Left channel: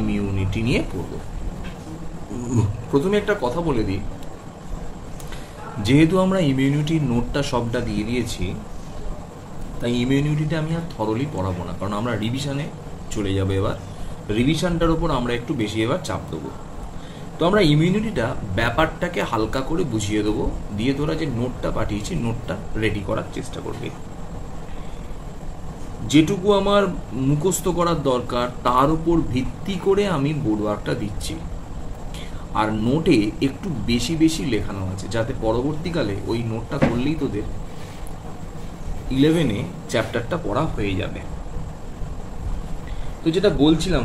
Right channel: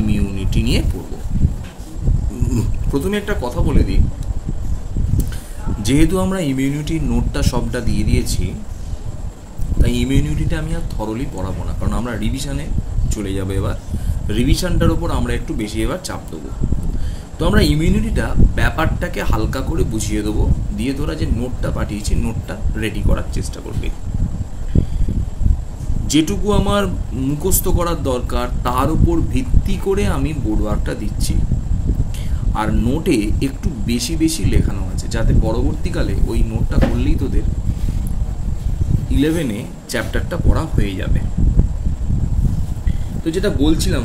Immunity নিয়ে পড়ব। প্রথমে একটা কথা বলে দিই, যেহেতু আমরা ইমিউনিটির নোটটা সবটা দিয়ে দিয়েছি, তাই ইমিউনিটিটা আমি আর থরলি পড়াবো না, কারণ আমরা রিভিশনে চলে যাবে। এবার রিভিশনটার উপর আমরা একটু বেশি এবার চাপ দেবো। তো আমরা ইমিউনিটিটা ব্যাপারটাকে হালকা করে বুঝিয়ে দেবো, দিয়ে তোরা যে নোটটা পাঠিয়েছি নোটটা রেডি করার চেষ্টা করবে। যেটুকু আমার মুখস্থ করার দরকার তার উপর ভিত্তি করে আমি বোর্ড ওয়ার্কটা দিচ্ছি, আর নোটে একটু বেশি বেশি লেখানো আছে, যাতে পরবর্তীকালে ওই নোটটা করলেই তোদের 11-এ চ্যাপ্টারটা পড়া হয়ে যাবে। তো যেটা বলছিলাম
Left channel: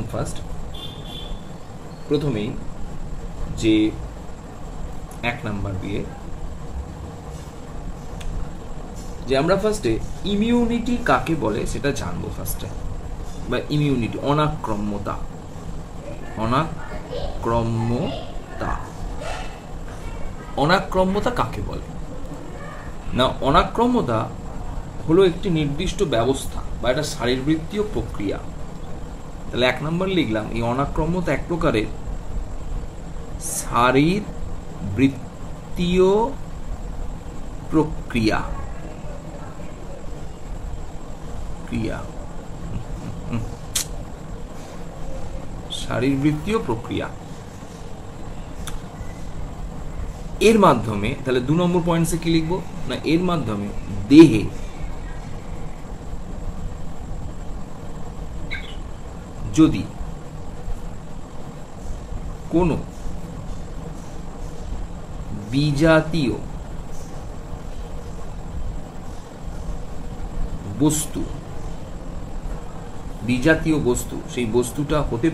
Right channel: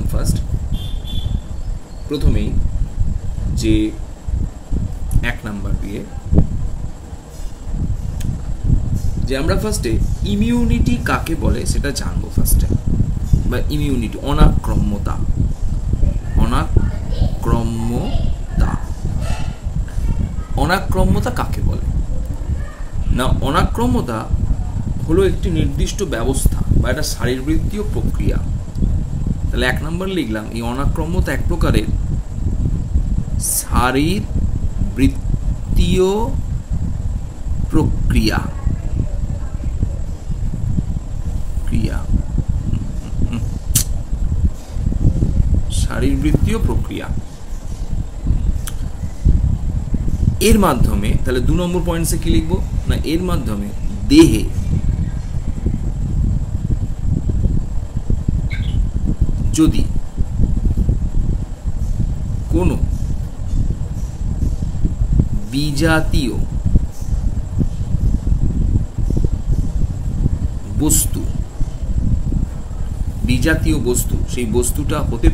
প্রথমেই যে 1 নাম্বার দিয়ে যে আমরা ফার্স্টে ইমিউনিটি কাকে বলে সেটা জানবো ফার্স্টে, বা ইমিউনিটি অনাক্রম্যতা। অনাক্রম্যতা কাকে বলে না? অনাক্রম্যতা হলো একটি নির্দিষ্ট ব্যবস্থা বা একটা শারীরবৃত্তীয় প্রক্রিয়া। তাহলে 1 নম্বর লিখলাম, এই অনাক্রম্যতা এক প্রকারের শারীরবৃত্তীয় প্রক্রিয়া। শারীরবৃত্তীয় প্রক্রিয়া এর মাধ্যমে, তাহলে 2 নম্বর পয়েন্টসে কি লিখবো না, এর মাধ্যমে দেহে যদি কোনো বিজাতীয় বস্তু, সেই বস্তুটা হতে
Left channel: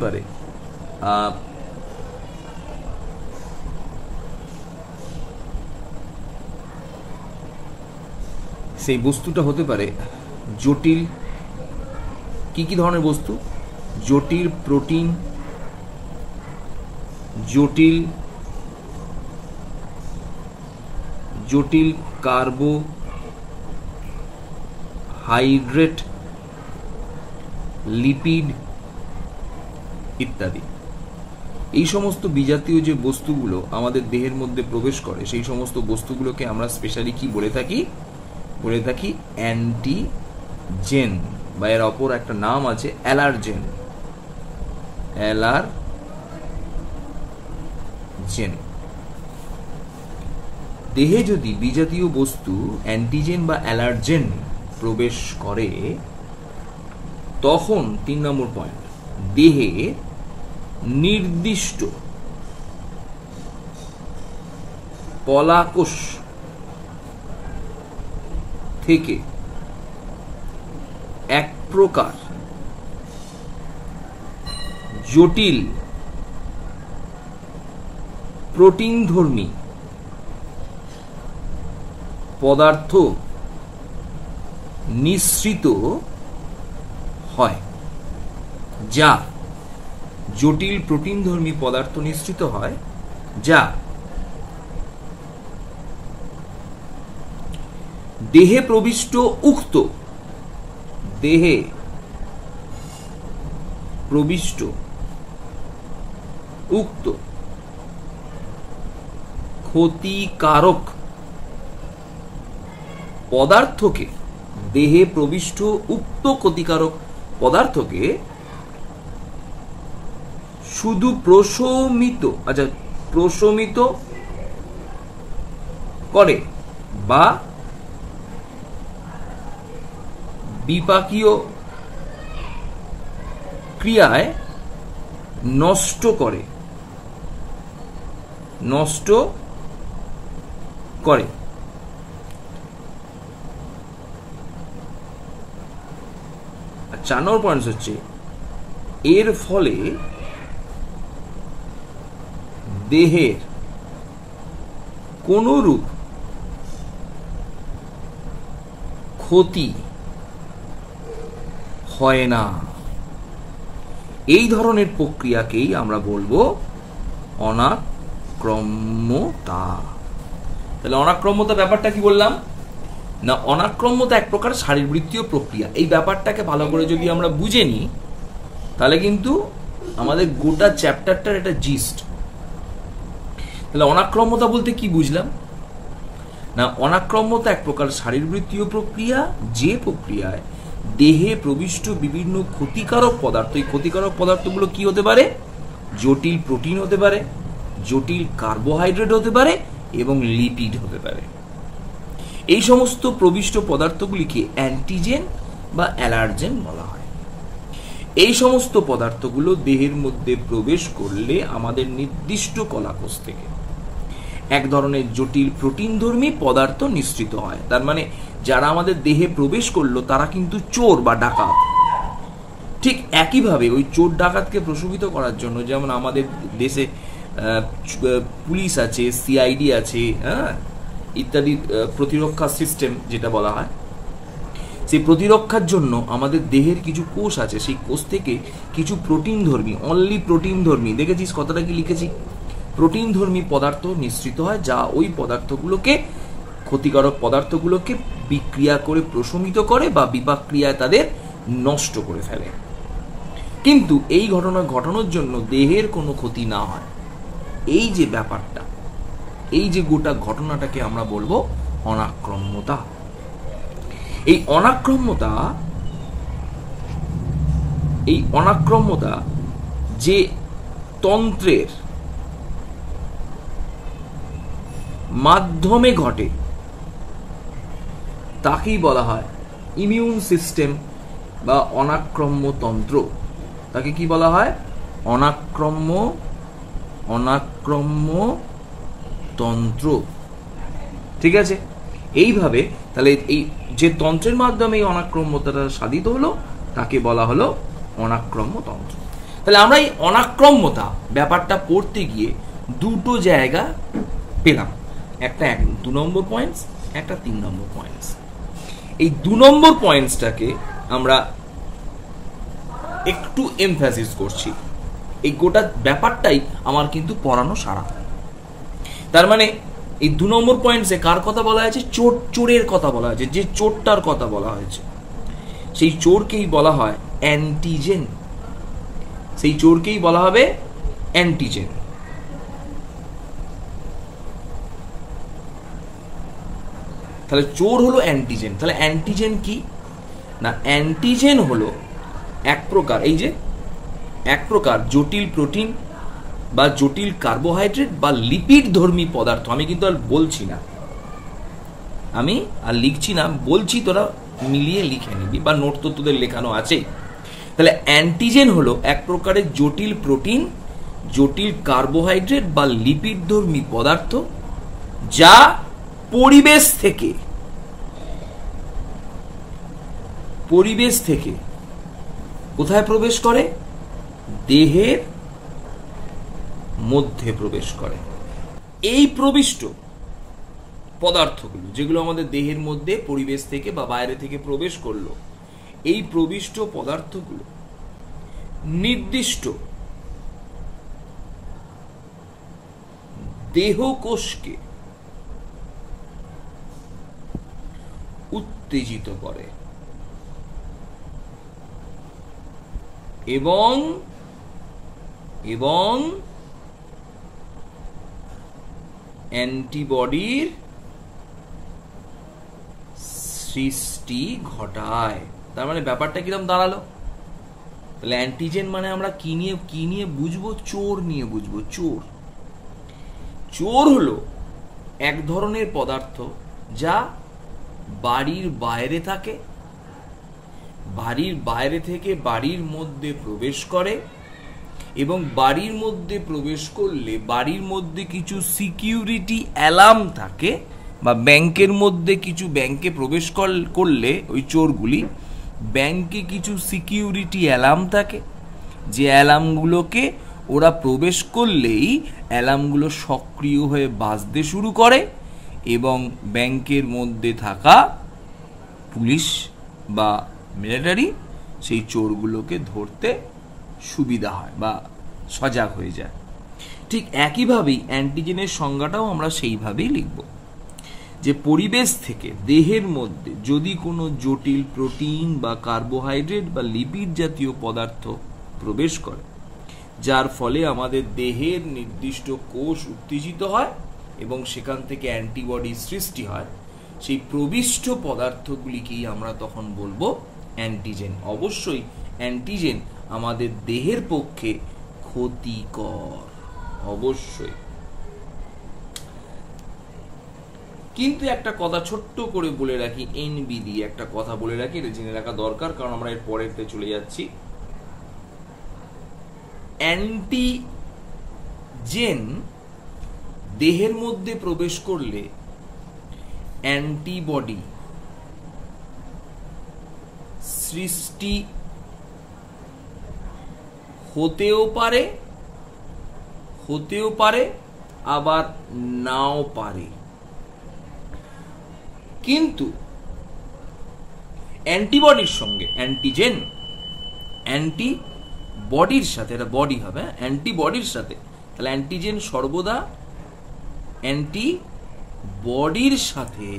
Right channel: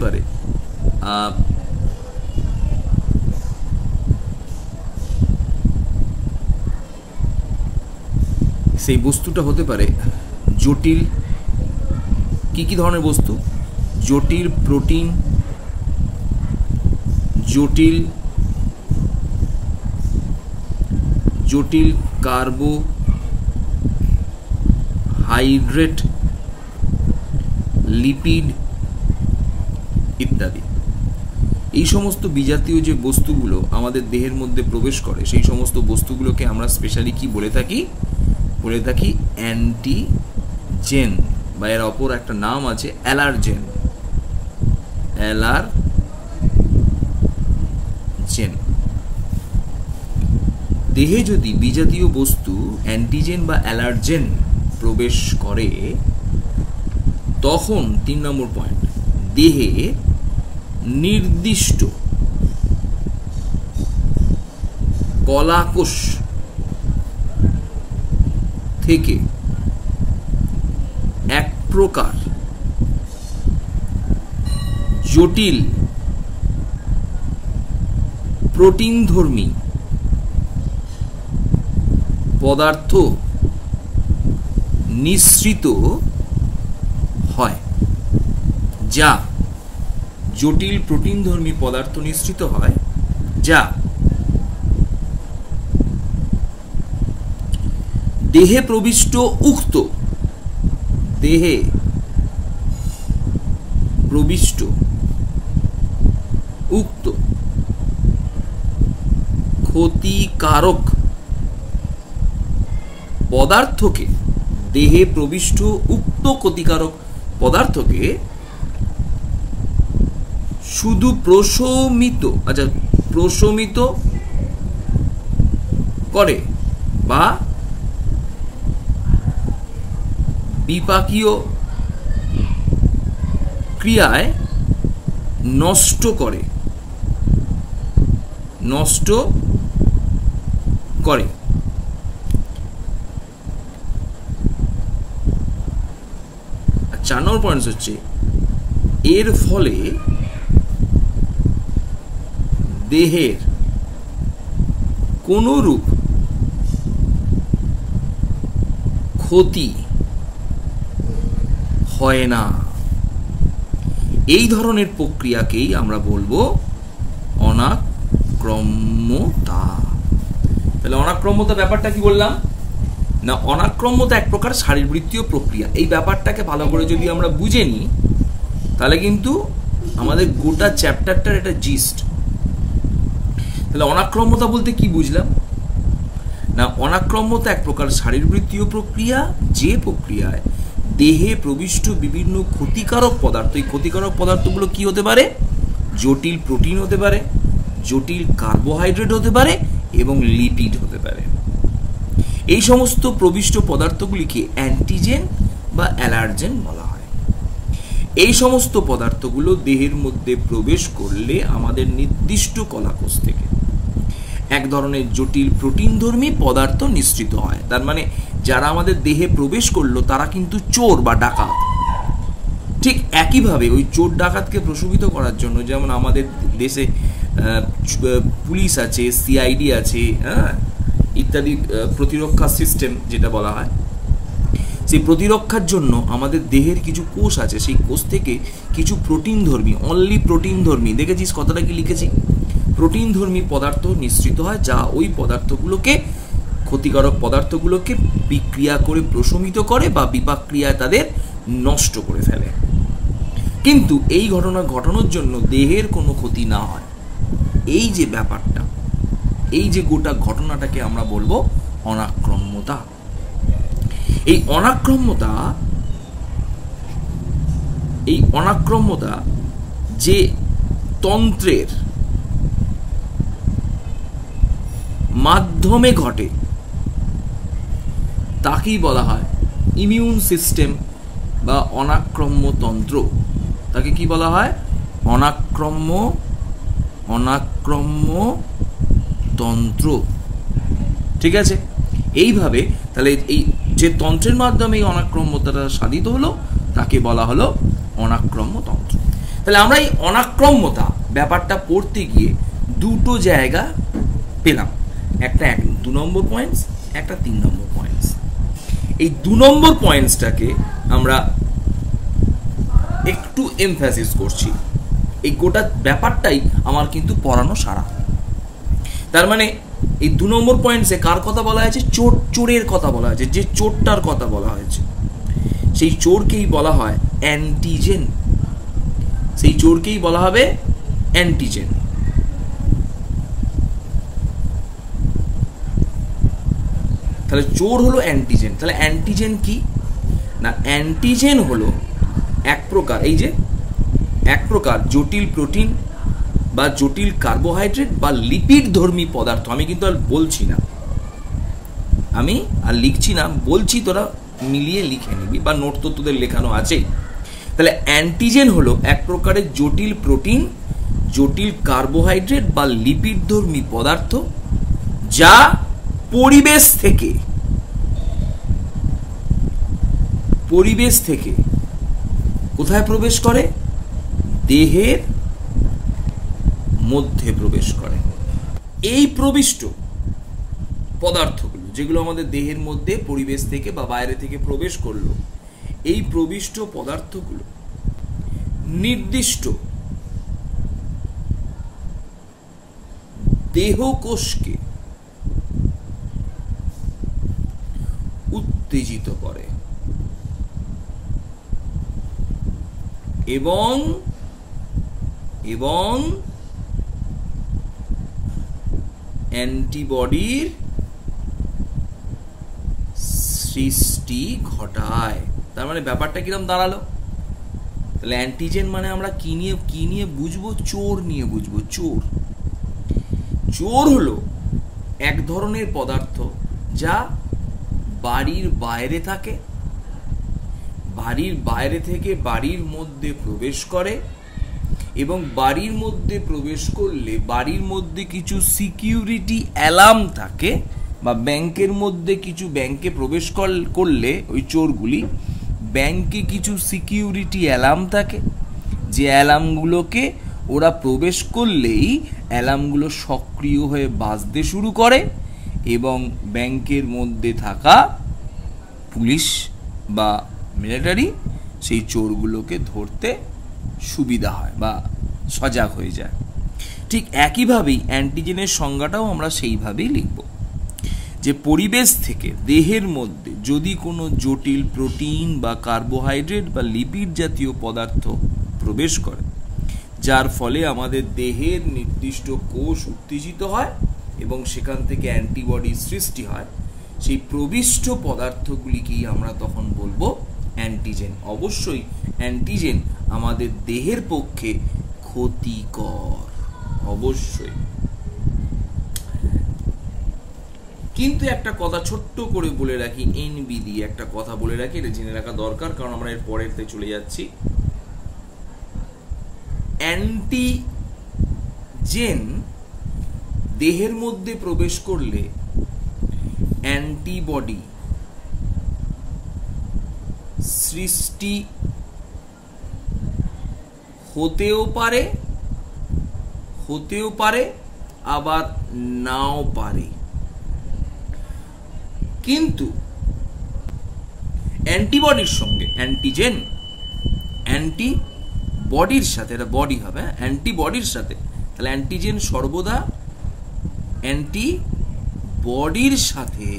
পারে জটিল, কি ধরনের বস্তু? জটিল প্রোটিন, জটিল কার্বোহাইড্রেট, লিপিড ইত্যাদি। এই সমস্ত বিজাতীয় যে বস্তুগুলো আমাদের দেহের মধ্যে প্রবেশ করে, সেই সমস্ত বস্তুগুলোকে আমরা স্পেশালি কি বলে থাকি অ্যান্টিজেন, বা এর অপর একটা নাম আছে অ্যালার্জেন। দেহে যদি বিজাতীয় বস্তু অ্যান্টিজেন বা অ্যালার্জেন প্রবেশ করে, তখন 3 নম্বর পয়েন্ট, দেহে নির্দিষ্ট কলাকোষ থেকে এক প্রকার জটিল প্রোটিনধর্মী পদার্থ নিঃসৃত হয়, যা জটিল প্রোটিনধর্মী পদার্থ নিঃসৃত হয়, যা দেহে প্রবিষ্ট উক্ত ক্ষতিকারক পদার্থকে, দেহে প্রবিষ্ট উক্ত ক্ষতিকারক পদার্থকে শুধু প্রশমিত করে বা বিপাকীয় ক্রিয়ায় নষ্ট করে। আর 4 নম্বর পয়েন্ট হচ্ছে, এর ফলে দেহের কোনরূপ ক্ষতি হয় না। এই ধরনের প্রক্রিয়াকেই আমরা বলবো অনাক্রম্যতা। তাহলে অনাক্রম্যতা ব্যাপারটা কি বললাম না, অনাক্রম্যতা এক প্রকার শারীরবৃত্তীয় প্রক্রিয়া। এই ব্যাপারটাকে ভালো করে যদি আমরা বুঝে নিই, তাহলে কিন্তু আমাদের গোটা চ্যাপ্টারটার একটা জিস্ট। তাহলে অনাক্রম্যতা বলতে কি বুঝলাম না, অনাক্রম্যতা এক প্রকার শারীরবৃত্তীয় প্রক্রিয়া, যে প্রক্রিয়ায় দেহে প্রবিষ্ট বিভিন্ন ক্ষতিকারক পদার্থ, এই ক্ষতিকারক পদার্থগুলো কি হতে পারে? জটিল প্রোটিন হতে পারে, জটিল কার্বোহাইড্রেট হতে পারে এবং লিপিড হতে পারে। এই সমস্ত প্রবিষ্ট পদার্থগুলিকে অ্যান্টিজেন বা অ্যালার্জেন বলা হয়। এই সমস্ত পদার্থগুলো দেহের মধ্যে প্রবেশ করলে আমাদের নির্দিষ্ট কলাকোষ থেকে এক ধরনের জটিল প্রোটিনধর্মী পদার্থ নিঃসৃত হয়। তার মানে যারা আমাদের দেহে প্রবেশ করলো তারা কিন্তু চোর বা ডাকাত। ঠিক একইভাবে ওই চোর ডাকাতকে প্রশমিত করার জন্য যেমন আমাদের দেশে পুলিশ আছে, সিআইডি আছে, ইত্যাদি প্রতিরক্ষা সিস্টেম যেটা বলা হয়, সেই প্রতিরক্ষার জন্য আমাদের দেহের কিছু কোষ আছে, সেই কোষ থেকে কিছু প্রোটিনধর্মী, অনলি প্রোটিনধর্মী, দেখেছিস কথাটা কি লিখেছি, প্রোটিনধর্মী পদার্থ নিঃসৃত হয়, যা ওই পদার্থগুলোকে, ক্ষতিকারক পদার্থগুলোকে বিক্রিয়া করে প্রশমিত করে বা বিপাক ক্রিয়ায় তাদের নষ্ট করে ফেলে। কিন্তু এই ঘটনা ঘটানোর জন্য দেহের কোনো ক্ষতি না হয়, এই যে ব্যাপারটা, এই যে গোটা ঘটনাটাকে আমরা বলবো অনাক্রম্যতা। এই অনাক্রম্যতা যে তন্ত্রের মাধ্যমে ঘটে তাকেই বলা হয় ইমিউন সিস্টেম বা অনাক্রম্য তন্ত্র। তাকে কি বলা হয়? অনাক্রম্য তন্ত্র। ঠিক আছে, এইভাবে তাহলে এই যে তন্ত্রের মাধ্যমে এই অনাক্রম্যতাটা সাধিত হলো তাকে বলা হলো অনাক্রম্য তন্ত্র। তাহলে আমরা এই অনাক্রম্যতা ব্যাপারটা পড়তে গিয়ে দুটো জায়গা পেলাম, একটা 2 নম্বর পয়েন্টস, একটা 3 নম্বর পয়েন্টস। এই 2 নম্বর পয়েন্টসটাকে আমরা একটু এমফাসিস করছি। এই গোটা ব্যাপারটাই আমার কিন্তু পড়ানো সারা। তার মানে এই 2 নম্বর পয়েন্টসে কার কথা বলা হয়েছে? চোরের কথা বলা হয়েছে, যে চোরটার কথা বলা হয়েছে সেই চোরকেই বলা হয় অ্যান্টিজেন। সেই চোরকেই বলা হবে অ্যান্টিজেন। তাহলে চোর হলো অ্যান্টিজেন। তাহলে অ্যান্টিজেন কি না, অ্যান্টিজেন হলো এক প্রকার জটিল প্রোটিন বা জটিল কার্বোহাইড্রেট বা লিপিড ধর্মী পদার্থ। আমি কিন্তু আর বলছি না, আমি আর লিখছি না, বলছি, তোরা মিলিয়ে লিখে নিবি বা নোট তো তোদের লেখানো আছেই। তাহলে অ্যান্টিজেন হলো এক প্রকারের জটিল প্রোটিন, জটিল কার্বোহাইড্রেট বা লিপিড ধর্মী পদার্থ যা পরিবেশ থেকে কোথায় প্রবেশ করে? দেহের মধ্যে প্রবেশ করে। এই প্রবিষ্ট পদার্থগুলো যেগুলো আমাদের দেহের মধ্যে পরিবেশ থেকে বা বাইরে থেকে প্রবেশ করলো, এই প্রবিষ্ট পদার্থগুলো নির্দিষ্ট দেহকোষকে উত্তেজিত করে এবং অ্যান্টিবডির সৃষ্টি ঘটায়। তার মানে ব্যাপারটা কিরকম দাঁড়ালো? তাহলে অ্যান্টিজেন মানে আমরা কি নিয়ে বুঝবো? চোর নিয়ে বুঝবো। চোর হলো এক ধরনের পদার্থ যা বাড়ির বাইরে থাকে, বাড়ির বাইরে থেকে বাড়ির মধ্যে প্রবেশ করে এবং বাড়ির মধ্যে প্রবেশ করলে বাড়ির মধ্যে কিছু সিকিউরিটি অ্যালার্ম থাকে, বা ব্যাংকের মধ্যে কিছু ব্যাংকে প্রবেশ করলে ওই চোরগুলি ব্যাংকে কিছু সিকিউরিটি অ্যালার্ম থাকে, যে অ্যালার্মগুলোকে ওরা প্রবেশ করলেই অ্যালার্মগুলো সক্রিয় হয়ে বাজতে শুরু করে এবং ব্যাংকের মধ্যে থাকা পুলিশ বা মিলিটারি সেই চোরগুলোকে ধরতে সুবিধা হয় বা সজাগ হয়ে যায়। ঠিক একইভাবেই অ্যান্টিজেনের সংজ্ঞাটাও আমরা সেইভাবেই লিখব, যে পরিবেশ থেকে দেহের মধ্যে যদি কোনো জটিল প্রোটিন বা কার্বোহাইড্রেট বা লিপিড জাতীয় পদার্থ প্রবেশ করে যার ফলে আমাদের দেহের নির্দিষ্ট কোষ উত্তেজিত হয় এবং সেখান থেকে অ্যান্টিবডি সৃষ্টি হয়। সেই প্রবিষ্ট পদার্থগুলিকেই আমরা তখন বলবো অ্যান্টিজেন। অবশ্যই অ্যান্টিজেন আমাদের দেহের পক্ষে ক্ষতিকর, অবশ্যই। কিন্তু একটা কথা ছোট্ট করে বলে রাখি, এনবি দিয়ে একটা কথা বলে রাখি, এটা জেনে রাখা দরকার, কারণ আমরা এর পরেরতে চলে যাচ্ছি। অ্যান্টিজেন দেহের মধ্যে প্রবেশ করলে অ্যান্টিবডি সৃষ্টি হতেও পারে আবার নাও পারে। কিন্তু অ্যান্টিবডির সঙ্গে অ্যান্টিজেন অ্যান্টিবডির সাথে, এটা বডি হবে, অ্যান্টিবডির সাথে, তাহলে অ্যান্টিজেন সর্বদা অ্যান্টিবডির সাথে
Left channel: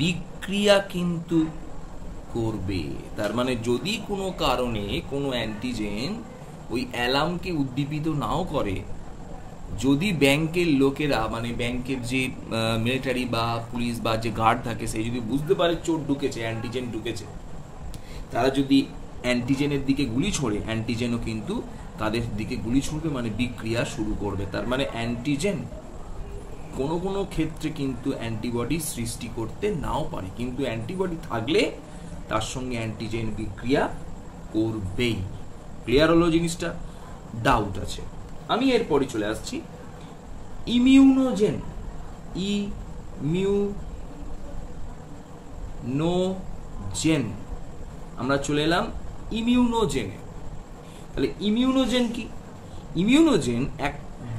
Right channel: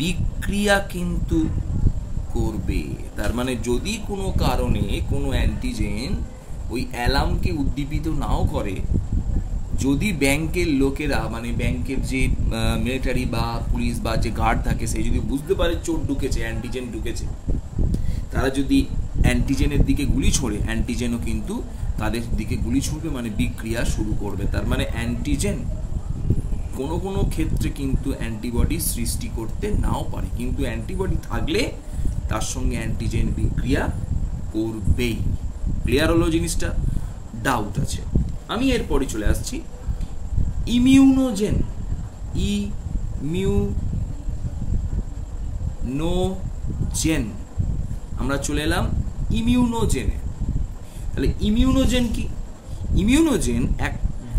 বিক্রিয়া কিন্তু করবে। তার মানে যদি কোনো কারণে কোনো অ্যান্টিজেন ওই অ্যালার্মকে উদ্দীপিত নাও করে, যদি ব্যাংকের লোকেরা, মানে ব্যাংকের যে মিলিটারি বা পুলিশ বা যে গার্ড থাকে, সে যদি বুঝতে পারে চোর ঢুকেছে, অ্যান্টিজেন ঢুকেছে, তারা যদি অ্যান্টিজেনের দিকে গুলি ছোড়ে, অ্যান্টিজেনও কিন্তু তাদের দিকে গুলি ছুড়বে, মানে বিক্রিয়া শুরু করবে। তার মানে অ্যান্টিজেন কোনো কোনো ক্ষেত্রে কিন্তু অ্যান্টিবডি সৃষ্টি করতে নাও পারে, কিন্তু অ্যান্টিবডি থাকলে তার সঙ্গে অ্যান্টিজেন বিক্রিয়া করবেই। ক্লিয়ার হলো জিনিসটা? ডাউট আছে? আমি এরপরে চলে আসছি ইমিউনোজেন। ইমিউনোজেন, আমরা চলে এলাম ইমিউনোজেনে। তাহলে ইমিউনোজেন কি? ইমিউনোজেন এক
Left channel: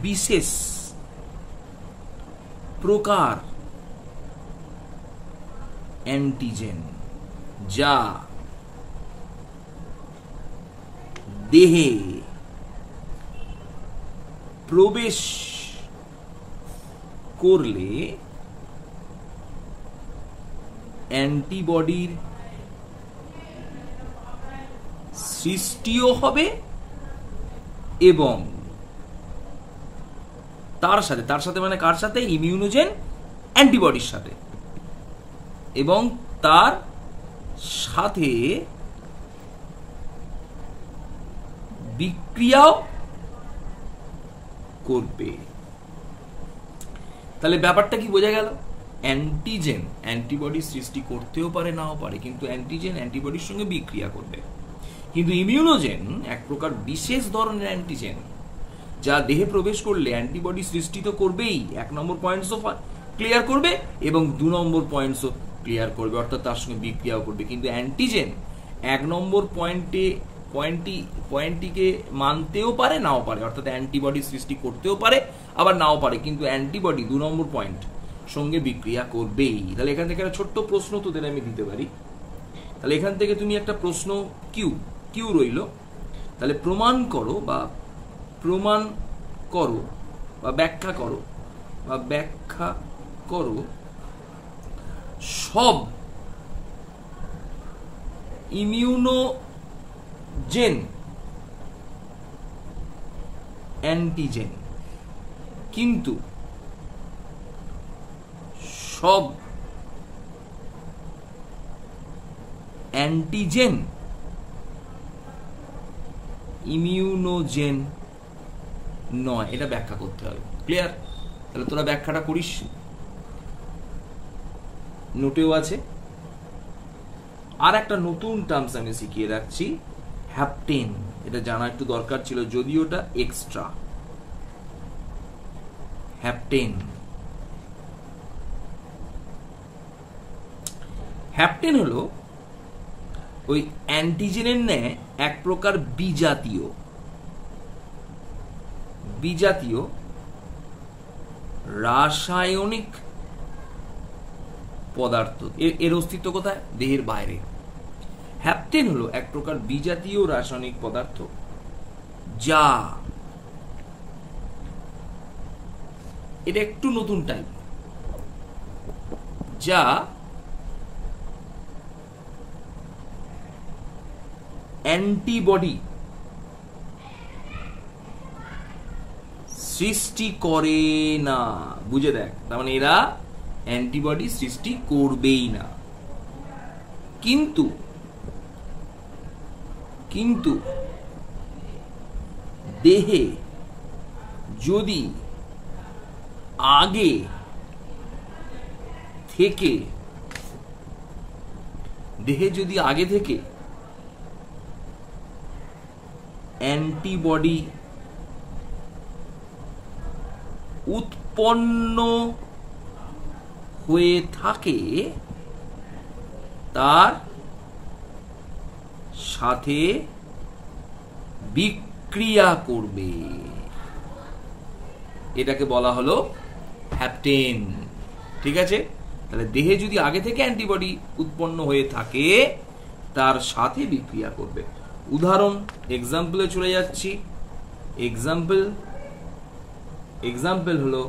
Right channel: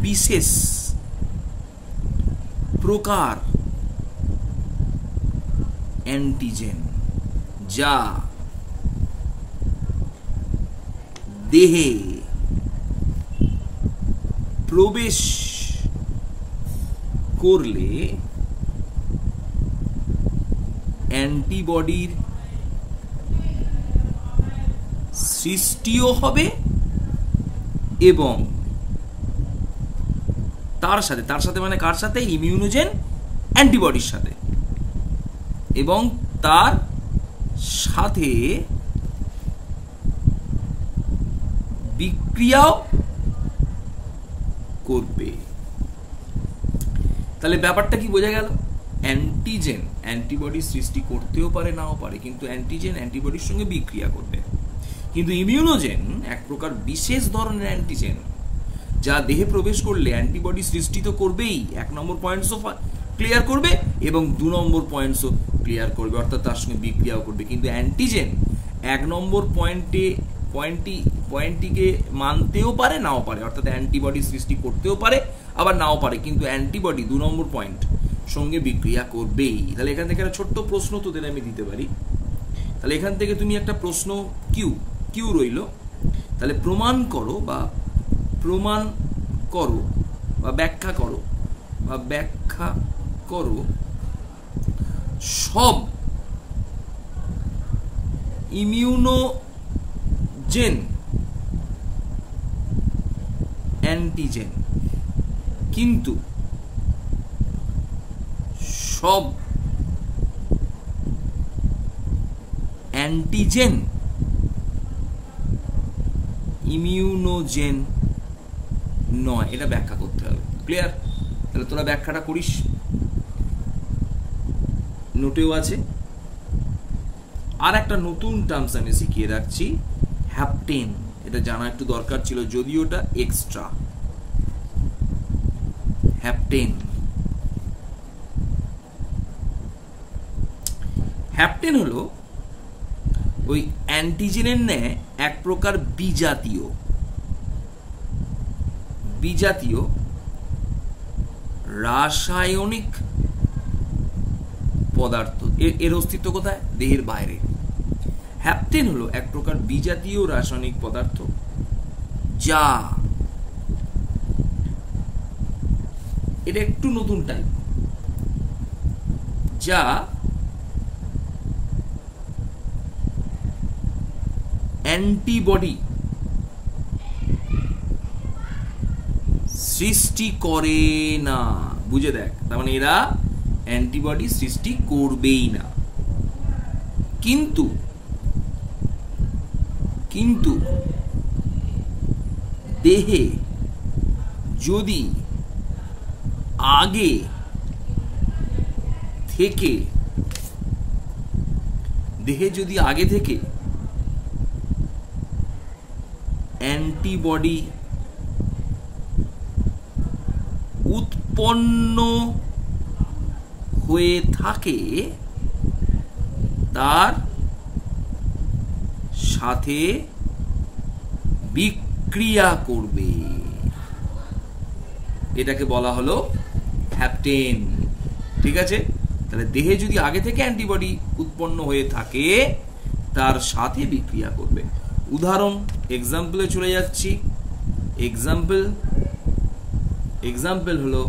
বিশেষ প্রকার অ্যান্টিজেন, যা দেহে প্রবেশ করলে অ্যান্টিবডির সৃষ্টিও হবে এবং তার সাথে মানে কার সাথে? ইমিউনোজেন অ্যান্টিবডির সাথে, এবং তার সাথে বিক্রিয়াও করবে। তাহলে ব্যাপারটা কি বোঝা গেল? অ্যান্টিজেন অ্যান্টিবডি সৃষ্টি করতেও পারে, নাও পারে, কিন্তু অ্যান্টিজেন অ্যান্টিবডির সঙ্গে বিক্রিয়া করবে। কিন্তু ইমিউনোজেন এক প্রকার বিশেষ ধরনের অ্যান্টিজেন, যা দেহে প্রবেশ করলে অ্যান্টিবডি সৃষ্টি তো করবেই, 1 নম্বর পয়েন্টসও ক্লিয়ার করবে এবং 2 নম্বর পয়েন্টসও ক্লিয়ার করবে, অর্থাৎ তার সঙ্গে বিক্রিয়াও করবে। কিন্তু অ্যান্টিজেন 1 নম্বর পয়েন্টটিকে মানতেও পারে, নাও পারে, অর্থাৎ অ্যান্টিবডি সৃষ্টি করতেও পারে আবার নাও পারে, কিন্তু অ্যান্টিবডি 2 নম্বর পয়েন্ট সঙ্গে বিক্রিয়া করবেই। তাহলে এখান থেকে একটা ছোট্ট প্রশ্ন তোদের আমি দিতে পারি। তাহলে এখান থেকে তুমি একটা প্রশ্ন কিউ রইল, তাহলে প্রমাণ করো বা ব্যাখ্যা করো সব ইমিউনোজেন অ্যান্টিজেন, কিন্তু সব অ্যান্টিজেন ইমিউনোজেন নয়। এটা ব্যাখ্যা করতে হবে। ক্লিয়ার? তাহলে তোরা ব্যাখ্যাটা করিস, নোটেও আছে। আর একটা নতুন টার্মস আমি শিখিয়ে রাখছি, হ্যাপটেন। এটা জানা একটু দরকার ছিল, যদিও এটা এক্সট্রা। হ্যাপটেন হলো ওই অ্যান্টিজেনের ন্যায় এক প্রকার বিজাতীয় রাসায়নিক পদার্থ। এর অস্তিত্ব কোথায়? দেহের বাইরে। হ্যাপটেন হলো এক প্রকার বিজাতীয় রাসায়নিক পদার্থ, যা, এটা একটু নতুন টাইপ, যা অ্যান্টিবডি সৃষ্টি করে না। বুঝে দেখ, তার মানে এরা অ্যান্টিবডি সৃষ্টি করবেই না। কিন্তু কিন্তু দেহে যদি আগে থেকে অ্যান্টিবডি উৎপন্ন হয়ে থাকে, তার সাথে বিক্রিয়া করবে। এটাকে বলা হলো হ্যাপটেন। ঠিক আছে, তাহলে দেহে যদি আগে থেকে অ্যান্টিবডি উৎপন্ন হয়ে থাকে তার সাথে বিক্রিয়া করবে। উদাহরণ, এক্সাম্পলে চলে যাচ্ছি। এক্সাম্পল হলো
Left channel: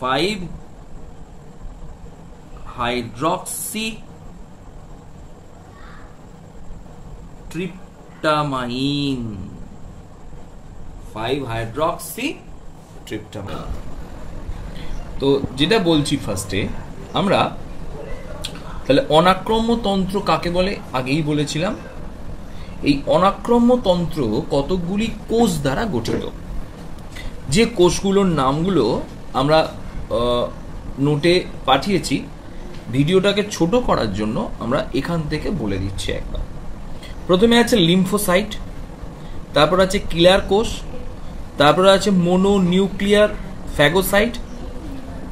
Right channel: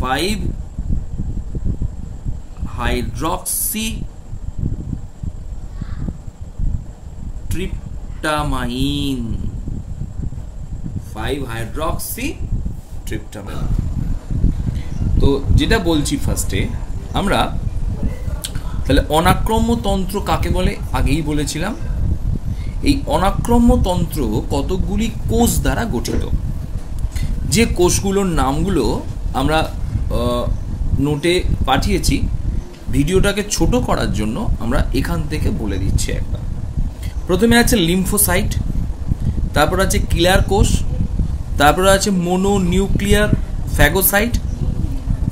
5-হাইড্রক্সিট্রিপ্টামাইন। 5-হাইড্রক্সিট্রিপ্টামাইন। তো যেটা বলছি ফার্স্টে আমরা, তাহলে অনাক্রম্য তন্ত্র কাকে বলে আগেই বলেছিলাম। এই অনাক্রম্য তন্ত্র কতকগুলি কোষ দ্বারা গঠিত। যে কোষগুলোর নামগুলো আমরা নোটে পাঠিয়েছি, ভিডিওটাকে ছোট করার জন্য আমরা এখান থেকে বলে দিচ্ছি একবার। প্রথমে আছে লিম্ফোসাইট, তারপর আছে কিলার কোষ, তারপরে আছে মোনোনিউক্লিয়ার ফ্যাগোসাইট,